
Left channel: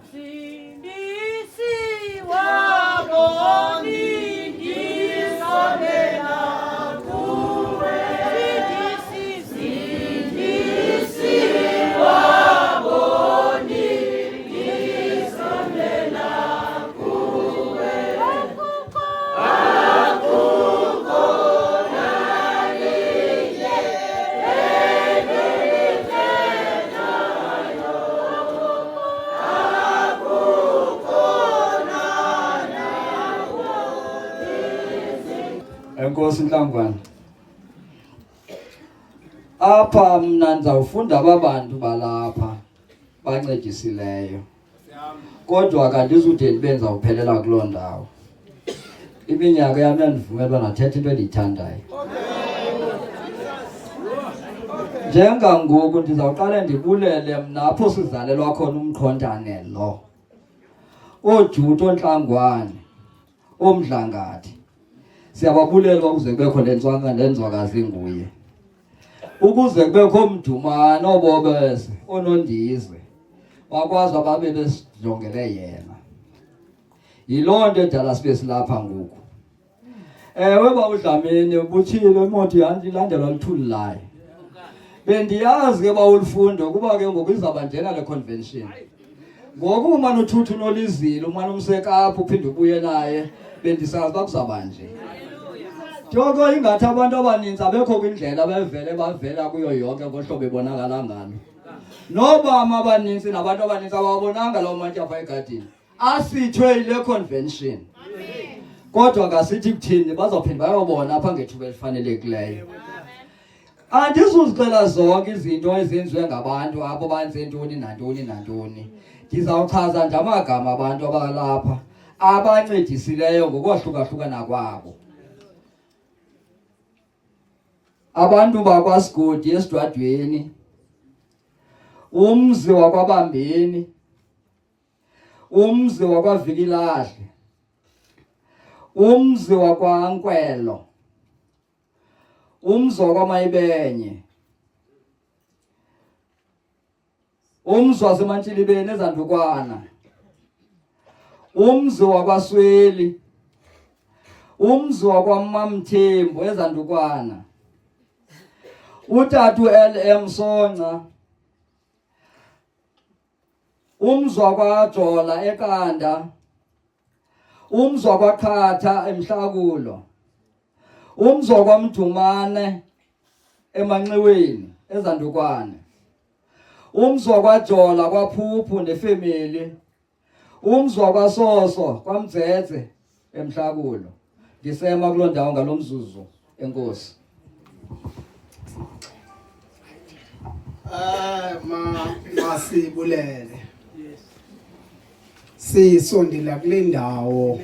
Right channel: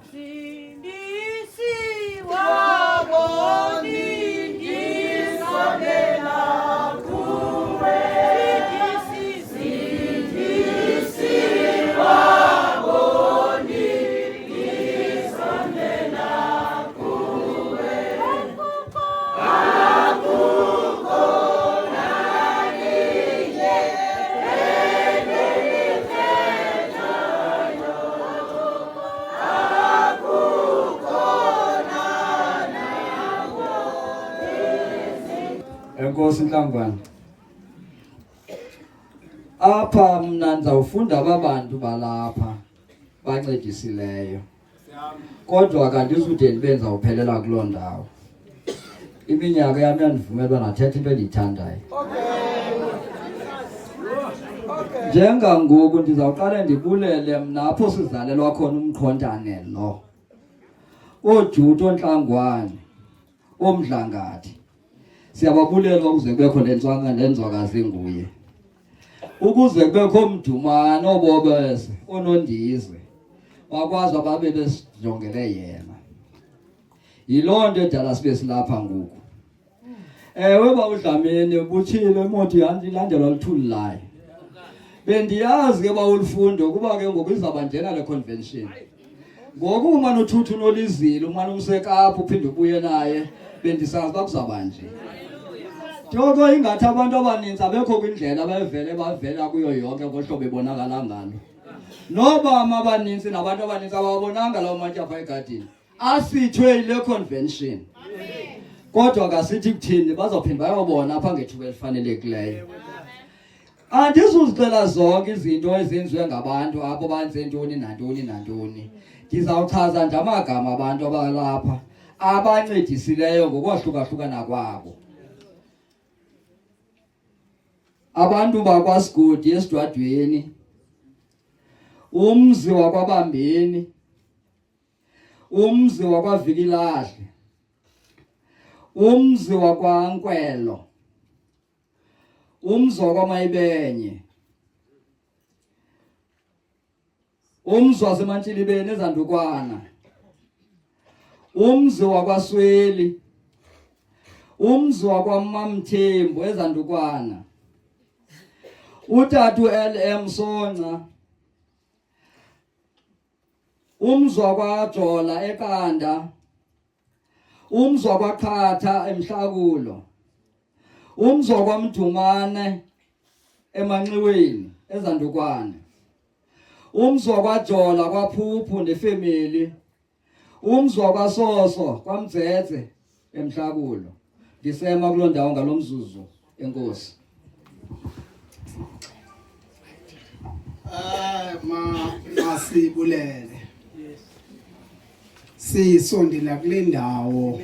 Enkosi Nhlangwane. Apha mna ndizawufunda ababantu balapha bancedisileyo. Kodwa kanti izude ndibenza uphelela kuloo ndawo. Iminyaka yami yandivumelwa nathetha into endiyithandayo. Njengangoku ndizawuqala ndibulele mna apho sizalelwa khona umqhontane lo. Ojuto Nhlangwane, oMdlangathi. Siyababulela ukuze kubekho lenzwakazi nguye. Ukuze kubekho uMdumane obobese onondizwe. Wakwazi ababe besijongele yena. Yiloo nto edala sibe silapha ngoku. Ewe bawudlamini buthile imoto yandilandela luthuli layo. Bendiyazi ke bawulifundo kuba ke ngoku izaba njena le convention. Ngoku umane uthuthu uNolizile umane umsekapha uphinde ubuye naye bendisazi bakuzaba nje. Joko ingathi abantu abaninzi abekho kwindlela bavela kuyo yonke ngohlobo ebonakala ngalo. Nobama abaninzi nabantu abaninzi ababonanga lawo matshapha egadini. Asithwe ile convention. Kodwa kasithi kuthini bazophinda bayobona apha ngethuba elifanelekileyo. Andizuzicela zonke izinto ezenziwe ngabantu apho banze ntoni nantoni nantoni. Ndizawuchaza nje amagama abantu abalapha abancedisileyo ngokwahlukahlukana kwabo. Abantu bakwaSigodi esidwadweni, umzi wakwaBambeni, umzi wakwaVikilahle, umzi wakwaNkwelo, umzi wakwaMayibenye, umzi waseMantilibeni eZandukwana, umzi wakwaSweli, umzi wakwaMamthembu eZandukwana, uTatu LM Sonca, umzi wakwaJola eKanda, umzi wakwaQhatha eMhlakulo, umzi wakwaMdumane eManxiweni eZandukwane, umzi wakwaJola kwaPhuphu nefamily, umzi wakwaSoso kwaMdzedze eMhlakulo. Ndisema kuloo ndawo ngalomzuzu. Enkosi. Masibulele. Sisondela kule ndawo.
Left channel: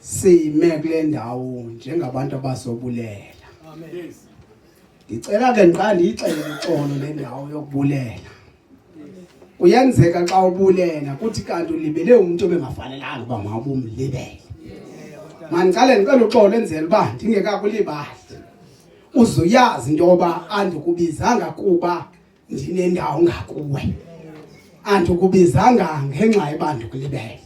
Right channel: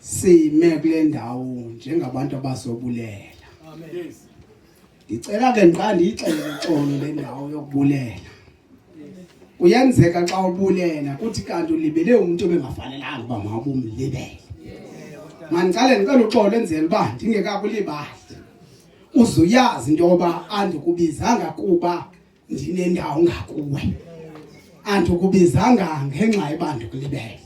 Sime kule ndawo njengabantu abazobulela. Amen. Ndicela ke nqa ndiyixele uxolo le ndawo yokubulela. Uyenzeka xa ubulela kuthi kanti ulibele umuntu obengafanelanga uba mawubumlibele. Mandicela ndicela uxolo enzele uba ndingekakulibali. Uzuyazi into yoba andikubizanga kuba ndinendawo ngakuwe. Andikubizanga ngenxa yoba ndikulibele.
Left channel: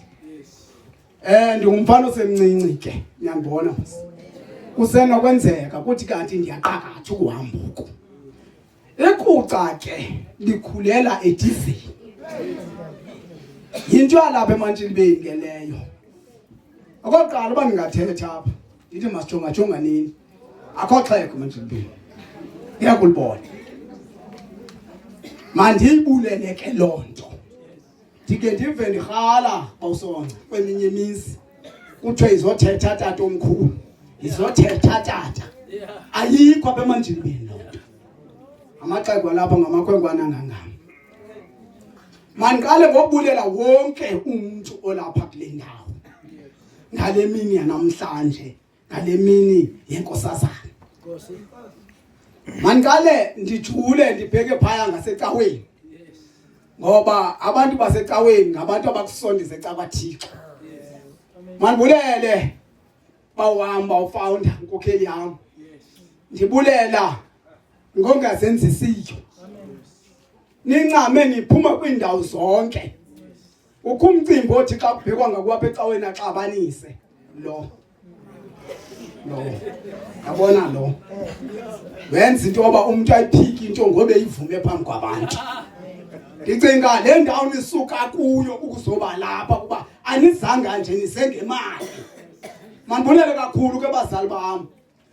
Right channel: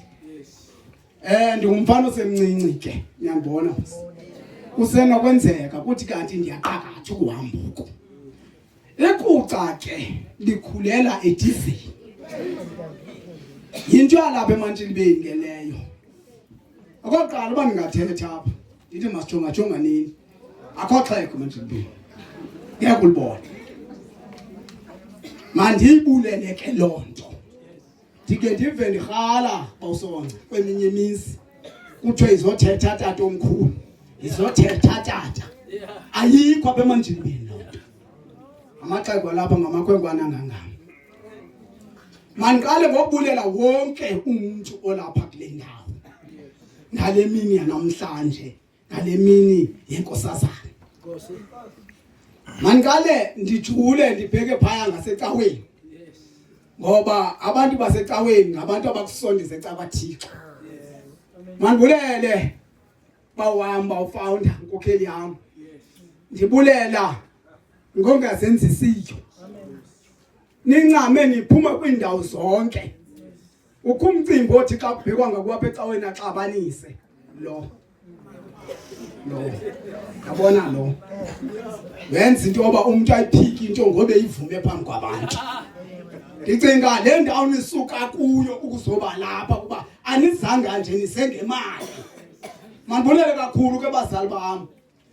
Ndingumfana osemncinci ke, uyandibona. Kusenokwenzeka kuthi kanti ndiyaqakatha ukuhamba uku. Ekuca ke likhulela edizini. Yinto yalapha eMantilibeni ke leyo. Akoqala uba ndingathetha apha ndithi masijonga nini. Akho xhego eMantilibeni. Ngiyakulibona. Mandiyibulele ke loo nto. Ndike ndive ndirhala bawusonca kweminye imizi. Kuthiwe izothetha tata omkhulu. Izothetha tata. Ayikho apha eMantilibeni loo nto. amaxhego lapha ngamakhwenkwana ngangam. Mandiqale ngokubulela wonke umuntu olapha kule ndawo. Ngale mini yanamhlanje, ngale mini yenkosazana. Mandiqale ndijule ndibheke phaya ngasecaweni. Ngoba abantu basecaweni ngabantu abakusondisa ecabathixo. Mandibulele bawuhamba ufounder inkokheli yami. Ndibulela ngongazenzisiyo. Nincame niphuma kwindawo zonke. Ukumcimbi othi xa kubhekwa ngakwapha ecaweni axabanise lo. Yabona lo. Wenza into yoba umuntu ayiphiki into ngobe ivume phambi kwabantu. Ndicinga le ndawo nisuka kuyo ukuzoba lapha kuba anizanga nje nisengemali. Mandibulele kakhulu ke bazali bami.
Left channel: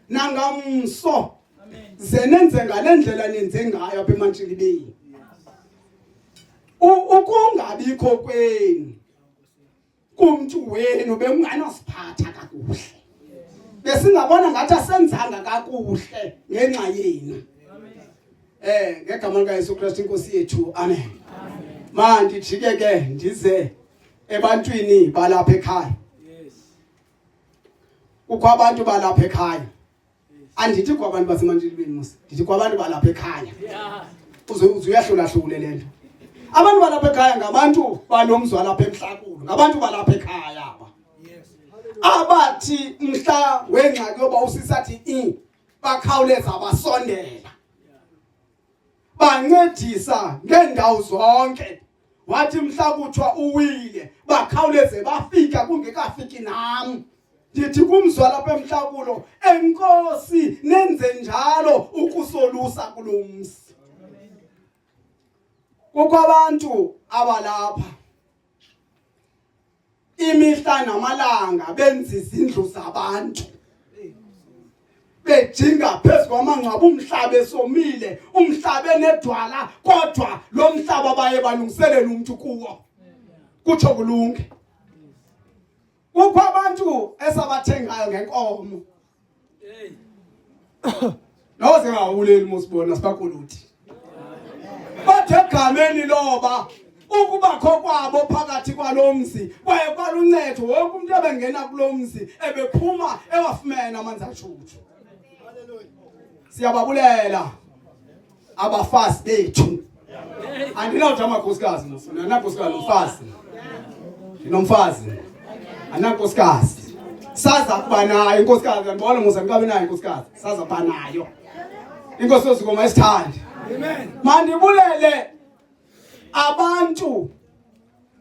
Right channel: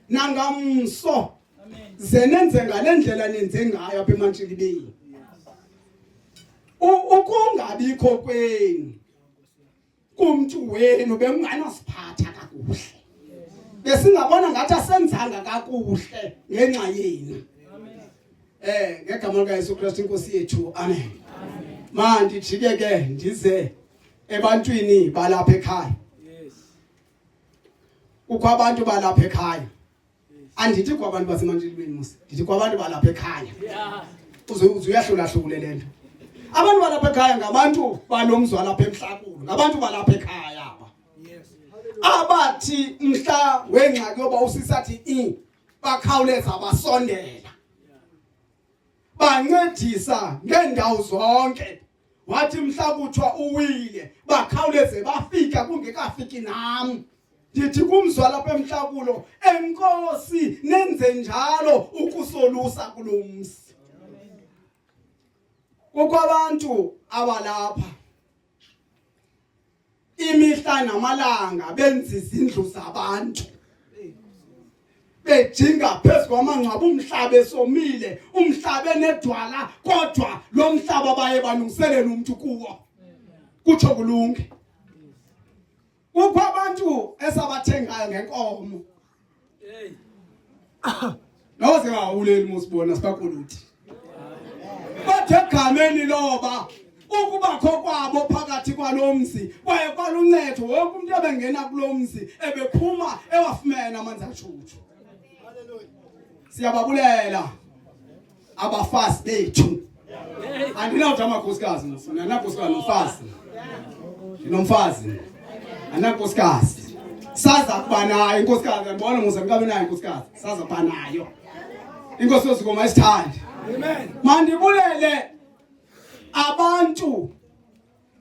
Nangamso zenenze ngalendlela nenze ngayo apha eMantshilibeni. Ukungabikho kwenu kumuntu wenu benginganosiphatha kakuhle. Besingabona ngathi asenzanga kakuhle ngenxa yenu. Ngegama lika Yesu Kristu inkosi yethu. Amen. Manje jike ke ndize ebantwini balapha ekhaya. Kukho abantu balapha ekhaya. Andithi kwabantu baseMantshilibeni musi. Ndithi kwabantu balapha ekhaya. Uzuyahlula hlule lento. Abantu balapha ekhaya ngabantu banomzwa lapha emhlakulo. Ngabantu balapha ekhaya aba. Abathi mhla wengxaki yoba usisathi bakhawuleza basondela. Bancedisa ngendawo zonke. Wathi mhla kuthiwa uwile bakhawuleze bafika kungekafiki nami. Ndithi kumzwa lapha emhlakulo enkosi nenze njalo ukusolusa kulomsi. Kukho abantu abalapha imihla namalanga benza izindlu zabantu. Bejinga phezu kwamangcwaba umhlaba esomile, umhlaba enedwala kodwa lo mhlaba baye balungiselela umuntu kuwo. Kutsho kulunge. Kukho abantu esabathengayo ngenkomo. Noze ngawuleli musibona sibakuluthi. Bathe egameni loba ukubakho kwabo phakathi kwalomzi kwaye kwaluncedo wonke umuntu ebengena kulomzi ebephuma ewafumene amanzi ashushu. Siyababulela abafazi bethu. Andinawuthi amakhosikazi mfuna nankosikazi umfazi. Ndinomfazi. Anankosikazi. Saza kuba nayo inkosikazi ngibona musa ngibe nayo inkosikazi. Saza kuba nayo. Inkosi yozikoma isithandi. Amen. Mandibulele abantu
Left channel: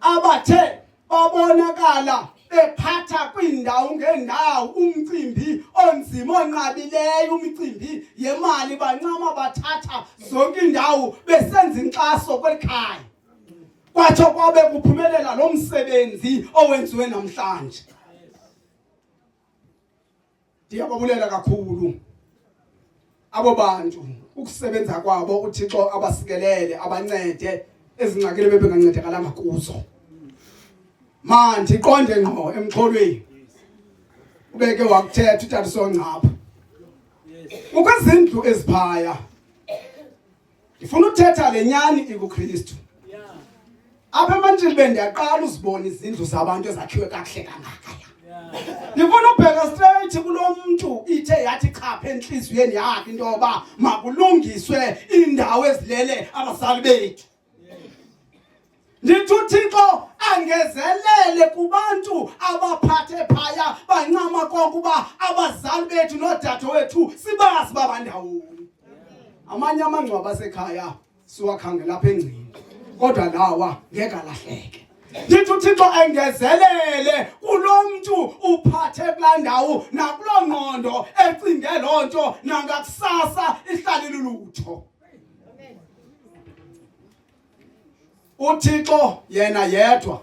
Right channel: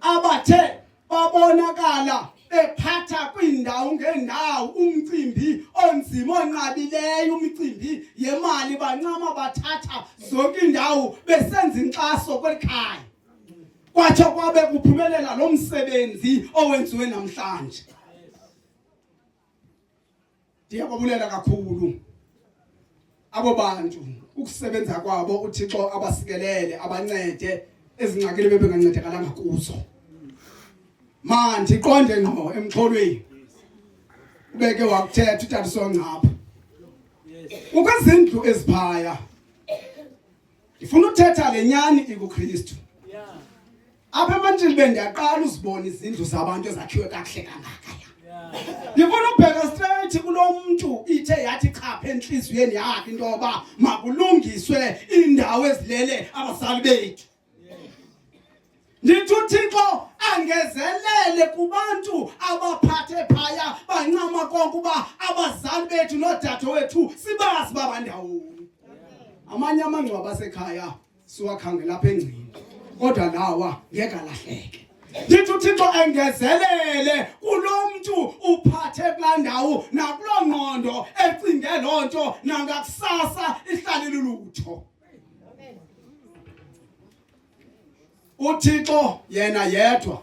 abathe babonakala bephatha kwindawo ngendawo umcimbi onzima onqabileyo umcimbi yemali bancama bathatha zonke indawo besenza inkxaso kwelikhaya. Kwathi kwabe kuphumelela lo msebenzi owenziwe namhlanje. Ndiyababulela kakhulu abo bantu ukusebenza kwabo uThixo abasikelele abancede ezingxakile bebengancedekalanga kuzo. Manje iqonde ngqo emxholweni. Ubeke wakuthetha uTata Songcapha. Ukwezindlu eziphaya. Ngifuna ukuthetha lenyani ikuKristu. Apha eMantshilibeni ndiyaqala uzibona izindlu zabantu ezakhiwe kakuhle kangaka. Ngifuna ukubheka straight kulo muntu ithe yathi chapha enhliziyweni yakhe into yoba makulungiswe indawo ezilele abazali bethu. Ndithi uThixo angezelele kubantu abaphathe phaya bancama konke uba abazali bethu nodadewethu sibazi babandawoni. Amanye amangcwaba asekhaya siwakhangela apha engcini kodwa lawa ngeke alahleke. Ndithi uThixo angezelele kulo muntu uphathe kulaa ndawo nakuloo ngqondo ecinge loo nto nangakusasa ihlale lulutho. uThixo yena yedwa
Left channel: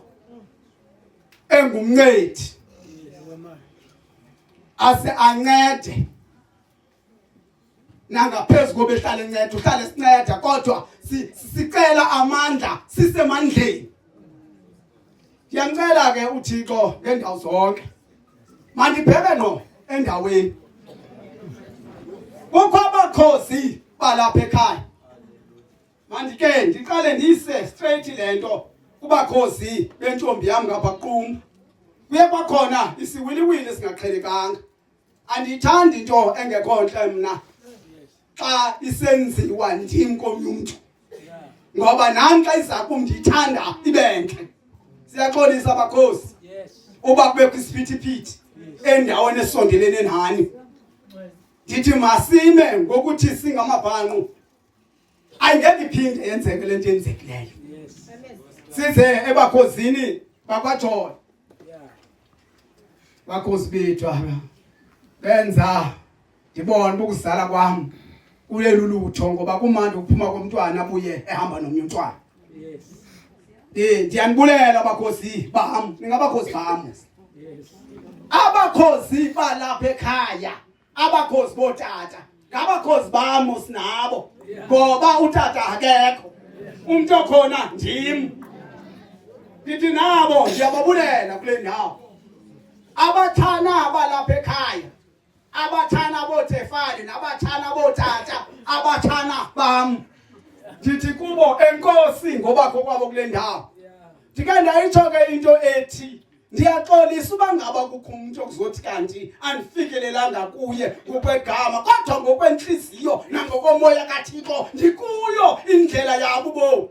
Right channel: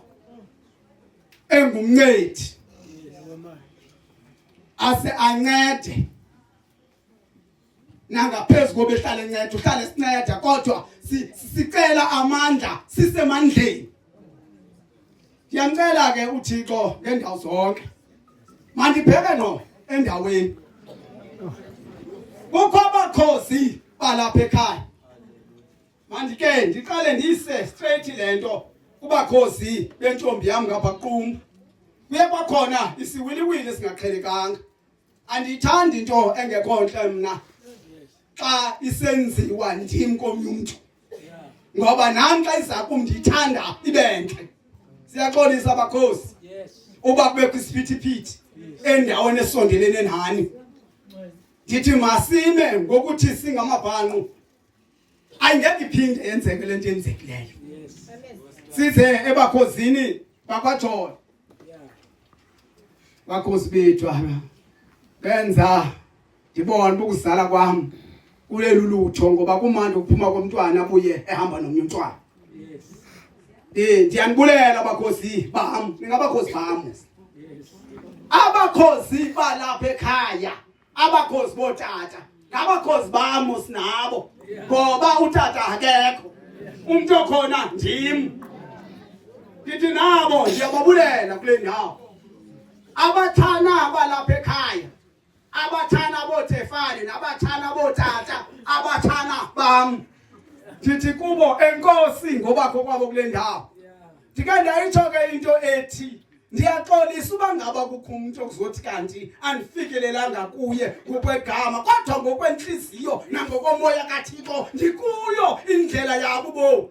engumncedi ase ancede nangaphezulu kobe hlale encede uhlale sinceda kodwa sicela amandla sisemandleni. Ngiyamcela ke uThixo ngendawo zonke mandibheke ngqo endaweni kukho abakhosi balapha ekhaya mandike ndiqale ndise straight lento kubakhozi bentombi yami ngapha Qumbu. Kuye kwakhona isiwiliwili singaqhelekanga. Andiyithandi into engekho nhle mna xa isenziwa ndim komntu. Ngoba nami xa iza kum ndiyithanda ibenhle. Siyaxolisa abakhozi. Uba kube kwisiphithi endaweni esondelene nani. Ndithi masime ngokuthi singamabhanqu. Ayingeke iphinde yenzeke lento yenzekileyo. Size ebakhosini bakwaJola. Bakhosi bethu benza ndibona ukuzala kwami kulelu lutho ngoba kumanje ukuphuma komntwana abuye ehamba nomnye umntwana. Ndiyanibulela abakhosi bami, ningabakhosi bami. Abakhosi balapha ekhaya, abakhosi botata, ngabakhosi bami sinabo. Ngoba utata akekho. Umuntu okhona ndim. Ndithi nabo ndiyababulela kule ndawo. Abathana abalapha ekhaya, abathana boTefane nabathana botata, abathana bami. Ndithi kubo enkosi ngoba kwabo kule ndawo. Ndike ndayitsho ke into ethi ndiyaxolisa uba ngaba kukho umuntu okuzothi kanti andifikelelanga kuye ngokwegama kodwa ngokwenhliziyo nangokomoya kaThixo ndikuyo indlela yabo bo.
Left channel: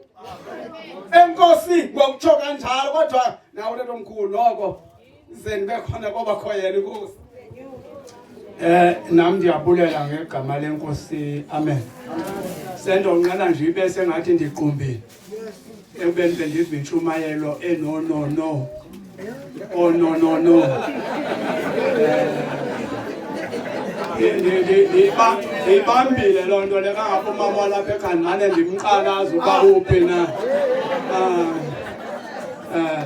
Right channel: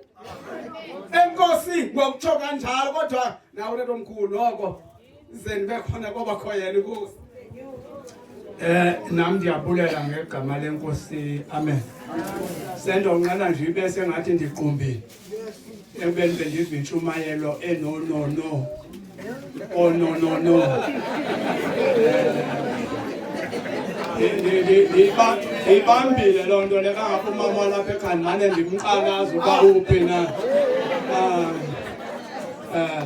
Enkosi ngokutsho kanjalo kodwa nawe lento omkhulu lokho ize nibe khona ngoba khoyena inkosi. Nami ndiyabulela ngegama lenkosi. Amen. Sendo nqala nje ibe sengathi ndiqumbile. Ekubeni bendiva intshumayelo no. Oh no. Ndiyibambile loo nto le kangapha umama walapha eKhanani ndimqalaza uba uphi na.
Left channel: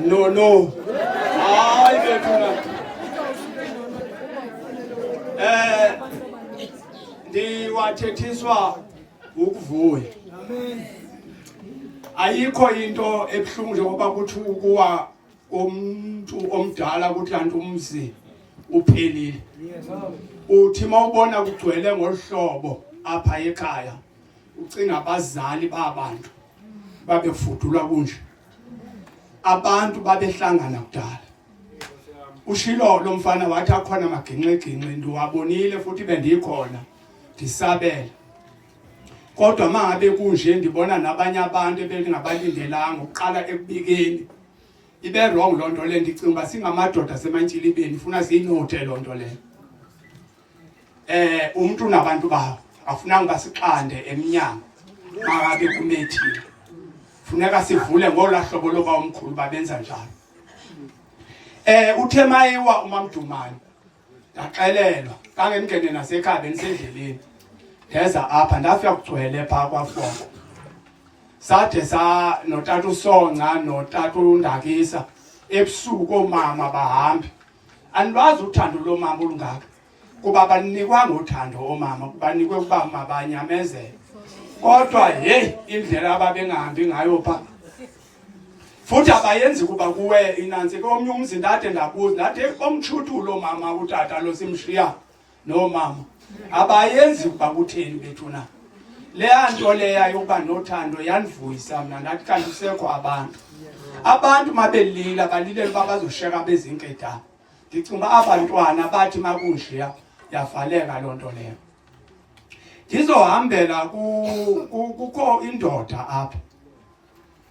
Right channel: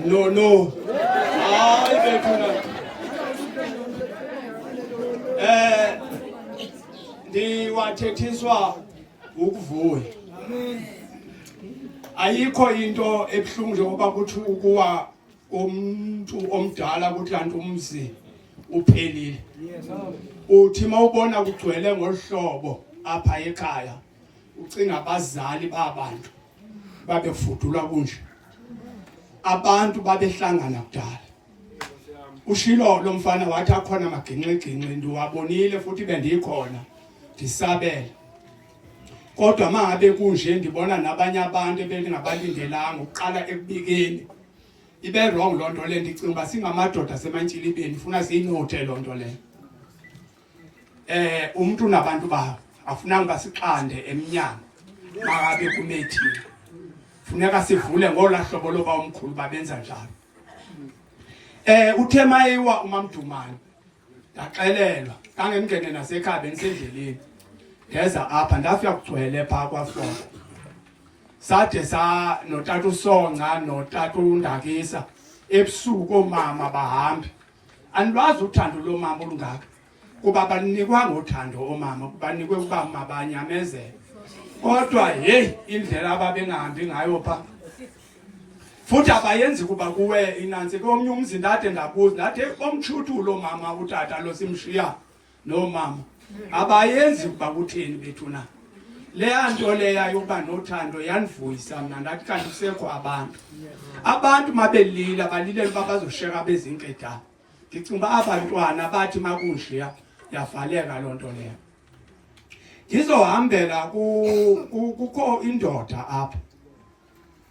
No. Hayi bethuna. Ndiwathethiswa ukuvuya. Ayikho into ebuhlungu njengoba kuthi ukuwa umuntu omdala ukuthi kanti umzi uphelile. Uthi mawubona kugcwele ngohlobo apha ekhaya ucinga abazali babantu babefudulwa kunje. Abantu babehlangana kudala. Ushilo lo mfana wathi akhona amaginqeginqe ndiwabonile futhi bendikhona ndisabela. Kodwa mangabe kunje ndibona nabanye abantu ebengabalindelanga uqala ekubikeni. Ibe wrong loo nto le ndicinga uba singamadoda semantshilibeni funa siyinothe loo nto le. Umuntu nabantu bawo afunanga siqande emnyango mangabe kumethile. Funeka sivule ngola hlobo loba omkhulu babenza njalo. Uthe mayiwa uMamdumane ndaxelelwa kangengene nasekhaya bendisendleleni ndeza apha ndafika kugcwele phaa kwaFoko. Sade notata uSonca notata uNdakisa ebusuku omama bahambe. Andiwazi uthando lomama olungaka kuba banikwanga uthando omama banikwe ukuba mabanyamezele. Kodwa hey indlela ababengahambi ngayo phaa futhi abayenzi kuba kuwe inansi komnye umzi ndade ndabuza ndathi komtshuthulo mama utata lo simshiya no mama abayenzi kuba kutheni bethu na. Leya nto leya yokuba nothando yanivuyisa mna ndathi kanti kusekho abantu mabelila balilele uba bazosheka bezinkeda. Ndicinga uba abantwana bathi makunjiya yavaleka loo nto leyo. Ndizohambela kukho indoda apha.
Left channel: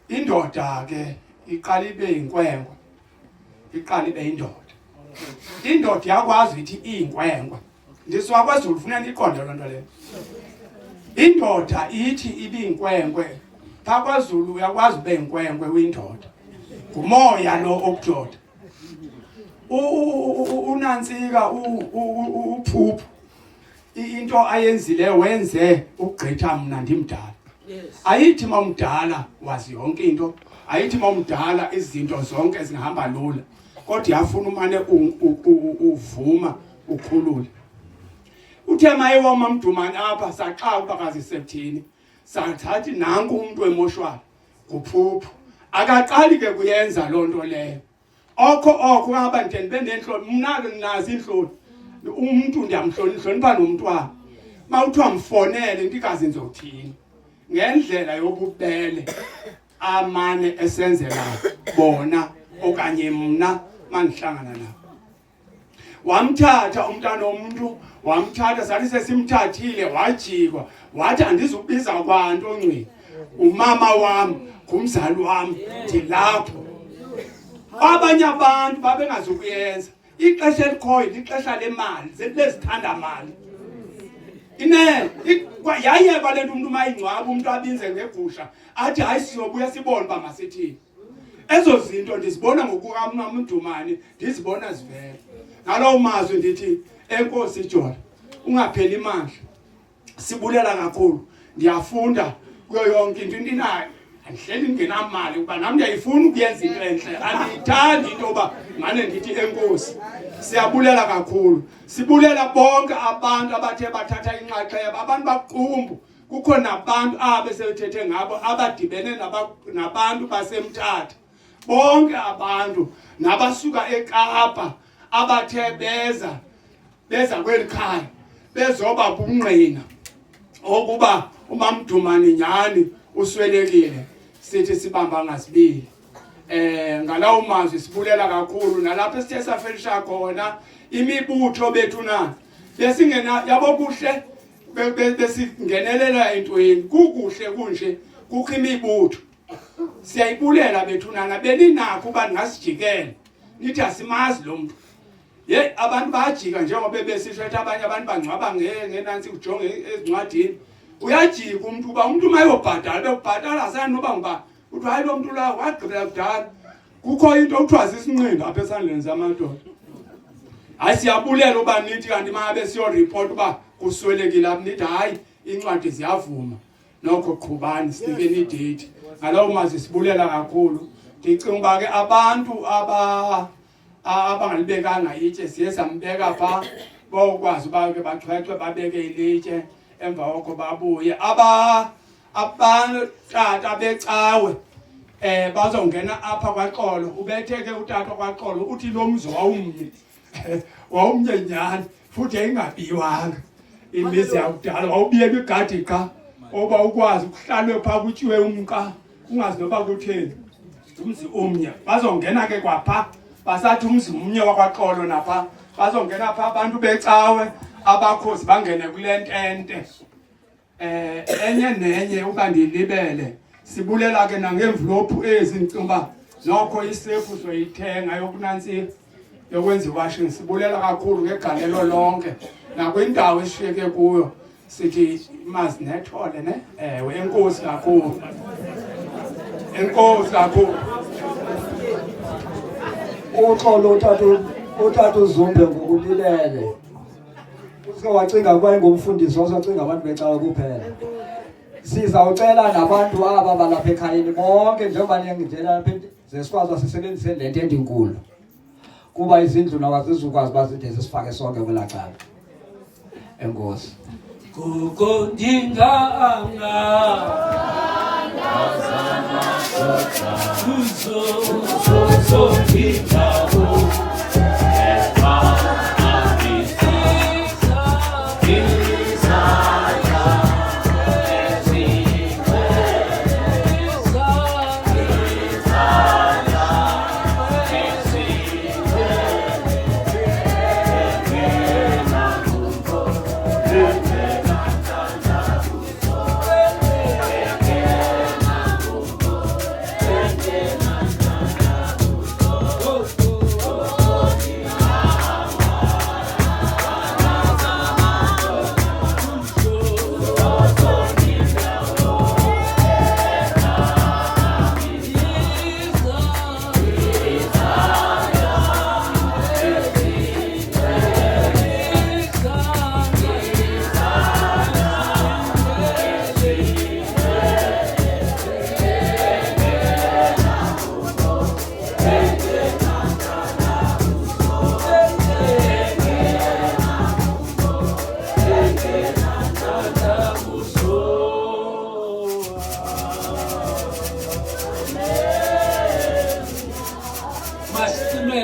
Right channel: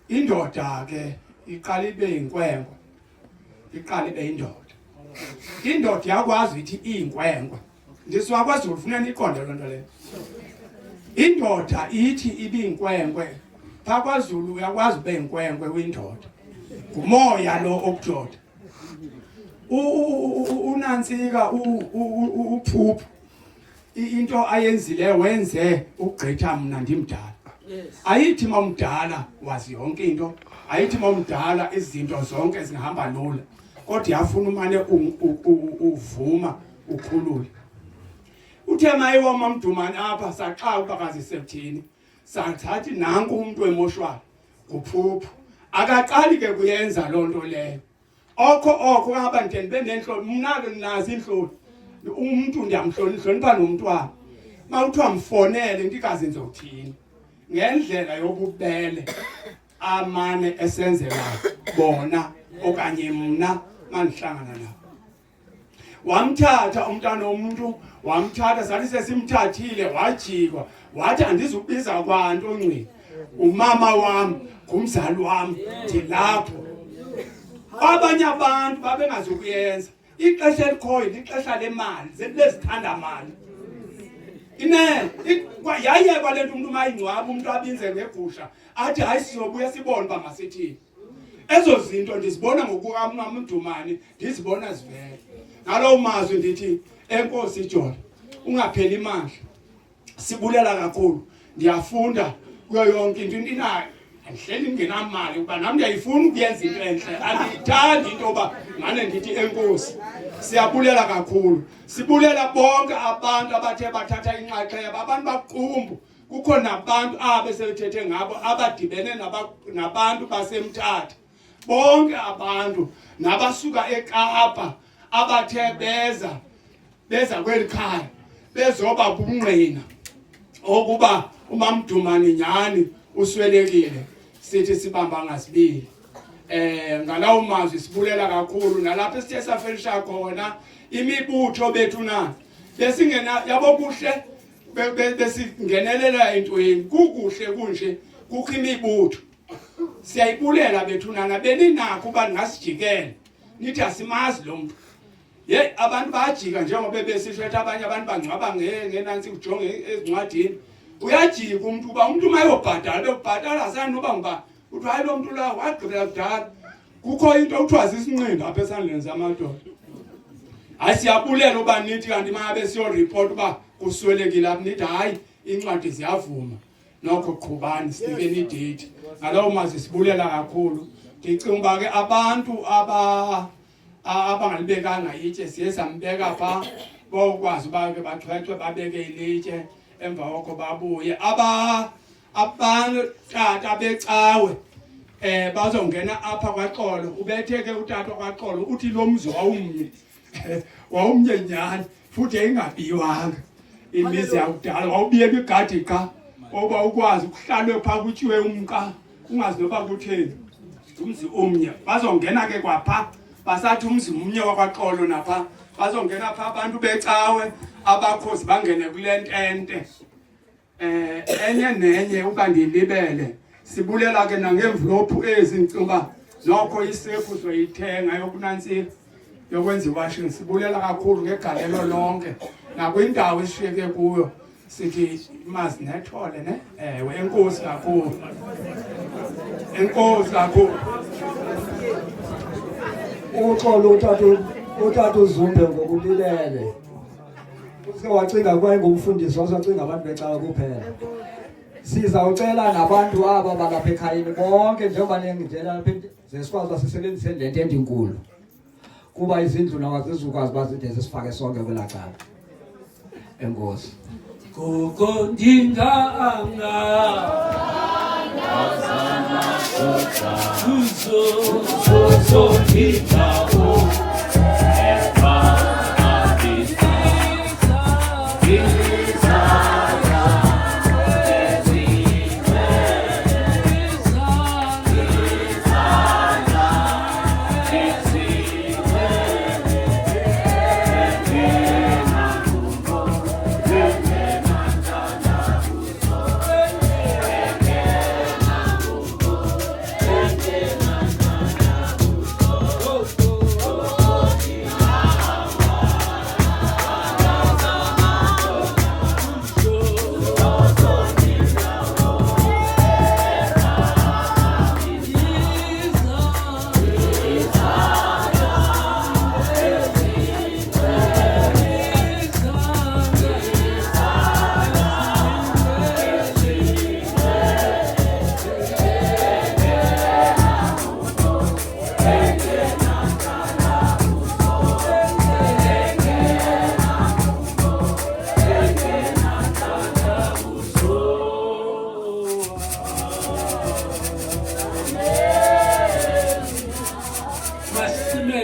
Indoda ke iqala ibe yinkwenkwe, iqala ibe yindoda. Indoda yakwazi ithi iyinkwenkwe. Ndiswa kwaZulu ufuna niqonde loo nto leyo. Indoda ithi ibiyinkwenkwe. Phaa kwaZulu uyakwazi ube yinkwenkwe uyindoda. Ngumoya lo okudoda. Unantsika uphuphu into ayenzile wenze ukugqitha mna ndimdala. Ayithi mamdala wazi yonke into, ayithi mamdala izinto zonke zingahamba lula. Kodwa yafuna umane uvuma ukhulule. Uthe mayiwa uMamdumane apha saxa ubakazi Septhini. Sathathi nanku umuntu emoshwala uphuphu. Akaqali ke kuyenza loo nto leyo. Okho ngaba ndibe nenhloni mna ke nazi inhloni. Umuntu ndiyamhlonipha nomntwana. Mawuthiwa mfonele ndikazi ngizothini. ngendlela yobubele amane esenzela bona okanye mna mandihlangana nabo. Wamthatha umntana womuntu, wamthatha sathi sesimthathile wajikwa, wathi andizubiza kwanto ongcwele. Umama wami, ngumzali wami, ndilapho. Abanye abantu babengazukuyenza. Ixesha elikhoyo lixesha lemali, zelezithanda mali. Yayeka le nto umuntu mayingcwaba umuntu abinze ngegusha athi hayi sizobuya sibone uba masithini. Ezo zinto ndizibona ngokukaMdumani, ndizibona zivela. Ngalowo mazwi ndithi enkosi Jola, ungapheli imandla. Sibulela kakhulu. Ndiyafunda kuyo yonke into inayo. Andihleli ngingenamali ukuba nami ndiyayifuna ukuyenza into enhle. Andiyithandi into yoba mane ndithi enkosi. Siyabulela kakhulu. Sibulela bonke abantu abathe bathatha inxaxheba, abantu baqumbu. Kukho nabantu abesebethethe ngabo abadibene nabantu baseMthatha. Bonke abantu nabasuka eKapa abathe beza kweli khaya bezoba bungqina okuba uMamdumani nyani uswelekile. Sithi sibamba ngasibili. Ngalawo mazwi sibulela kakhulu nalapho esithe safelisha khona imibutho bethu na besingena yabo kuhle besingenelela entweni kukuhle kunje kukho imibutho. Siyayibulela bethu nana beninakho uba ngasijikela nithi asimazi lo muntu. Abantu bayajika njengoba besisho ukuthi abanye abantu bangcwaba ngenansi ujonge ezincwadini. Uyajika umuntu uba umuntu mayobhadala bekubhadala asani noba ngoba uthi hayi lo muntu la wagqibela kudala. Kukho into okuthiwa zisinqindi apha esandleni zamadoda. Hayi siyabulela uba nithi kanti mabe siyoreport uba kuswelekile apha nithi hayi incwadi ziyavuma. Nokho qhubani sinikeni idate. Ngalawo mazwi sibulela kakhulu. Ndicinga uba ke abantu abangalibekanga itshe siye sambeka pha bokwazi uba ke baxhexwe babeke ilitshe emva koko babuye. Tata becawe bazongena apha kwaXolo. Ubetheke utata kwaXolo uthi lo mzi wawumnye nyani futhi engabiwanga. Imizi yakudala wawubiyeka igadi qha oba ukwazi ukuhlalwe pha kutyiwe umqa ungazi noba kutheni. Umzi omnye bazongena ke kwapha basathi umzi umnye wakwaXolo napha bazongena pha abantu becawe abakhozi bangene kule ntente. Enye nenye uba ndilibele sibulela ke nangemvlophu ezi ncuba nokho isefu soyithenga yokunantsika yokwenza iwashing. Sibulela kakhulu ngegalelo lonke nakwindawo esishiyeke kuyo sithi mazinethole ne. Ewe enkosi kakhulu. Enkosi kakhulu. Uxolo utata uZumbe ngokulilele. Uske wacinga kwayengumfundisi wacinga abantu becawe kuphela. Sizawucela nabantu aba balapha ekhayeni bonke njengoba niyangidela lapha zesikwazi wasisebenzise le nto endinkulu. Kuba izindlu nawazizukwazi bazide sifake sonke kwelacala. Enkosi. Gogo ndinganga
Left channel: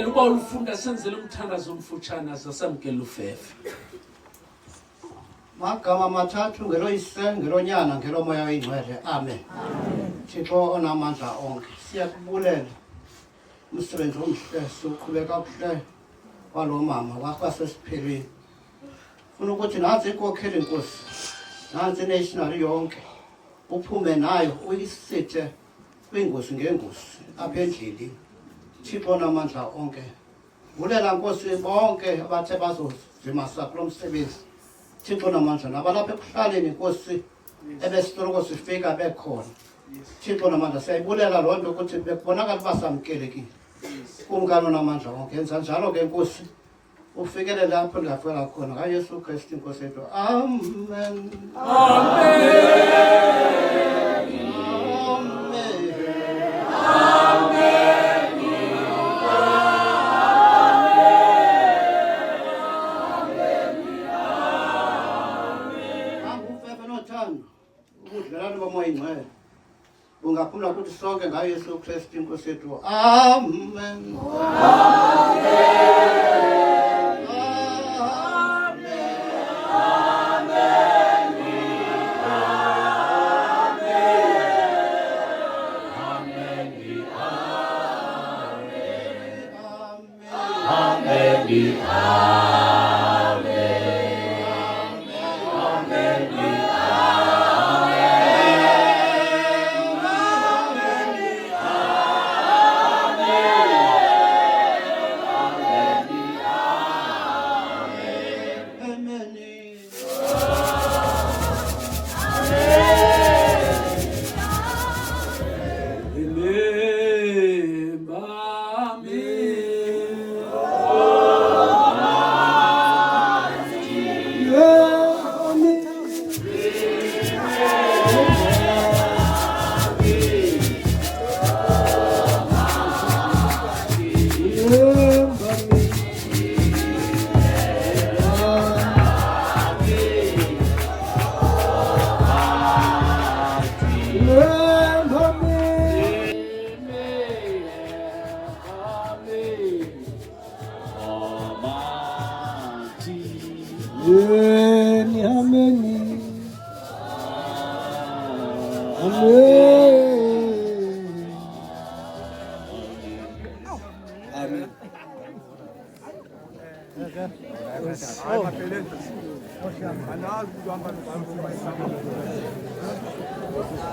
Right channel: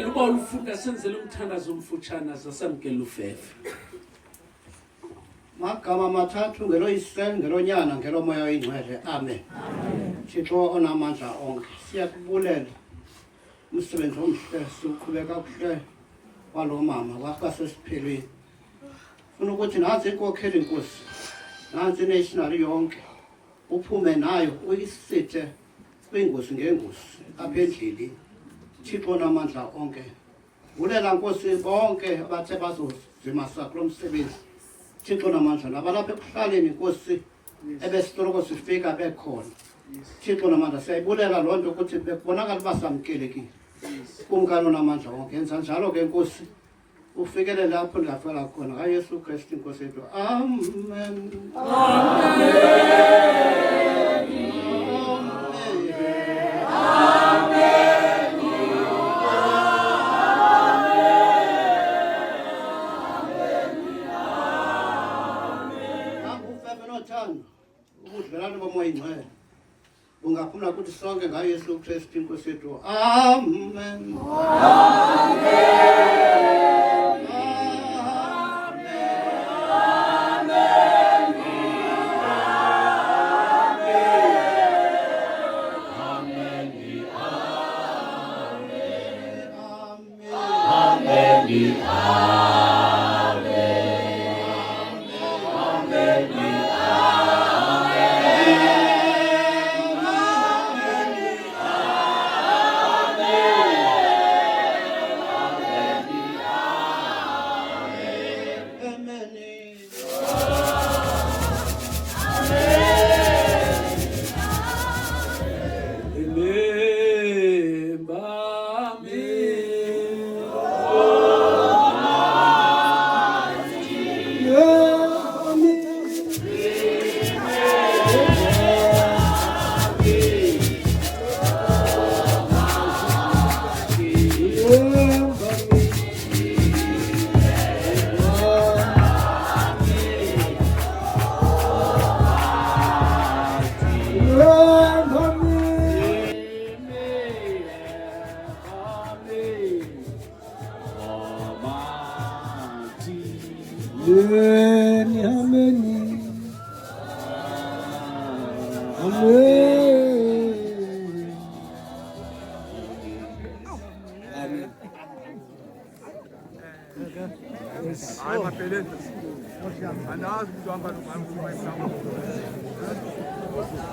uba ulufunda senzele umthandazo omfutshane zasamkela ufefe. Magama mathathu ngeloyise ngelonyana ngelomoya oyingcwele. Amen. Thixo onamandla onke, siyakubulela umsebenzi omhle siwuqhubeka kakuhle walo mama wakwasesiphelweni. Funa ukuthi nansi inkokheli Nkosi, nansi national yonke uphume nayo uyisithe kwingozi ngengozi apha endleleni. Thixo onamandla onke, bulela Nkosi bonke abathe bazozimasa kulo msebenzi. Thixo namandla nabalapha ekuhlaleni Nkosi ebesitoroko sifika bekhona. Thixo namandla siyayibulela loo nto ukuthi bekubonakala uba samkelekile. Kumkani namandla onke, yenza njalo ke Nkosi ufikelele lapho ndingafika khona kaYesu Kristu Nkosi yethu. Amen. Ubudlelwane bomoya ingcwele ungaphumla kuthi sonke ngaYesu Kristu Nkosi yethu. Amen.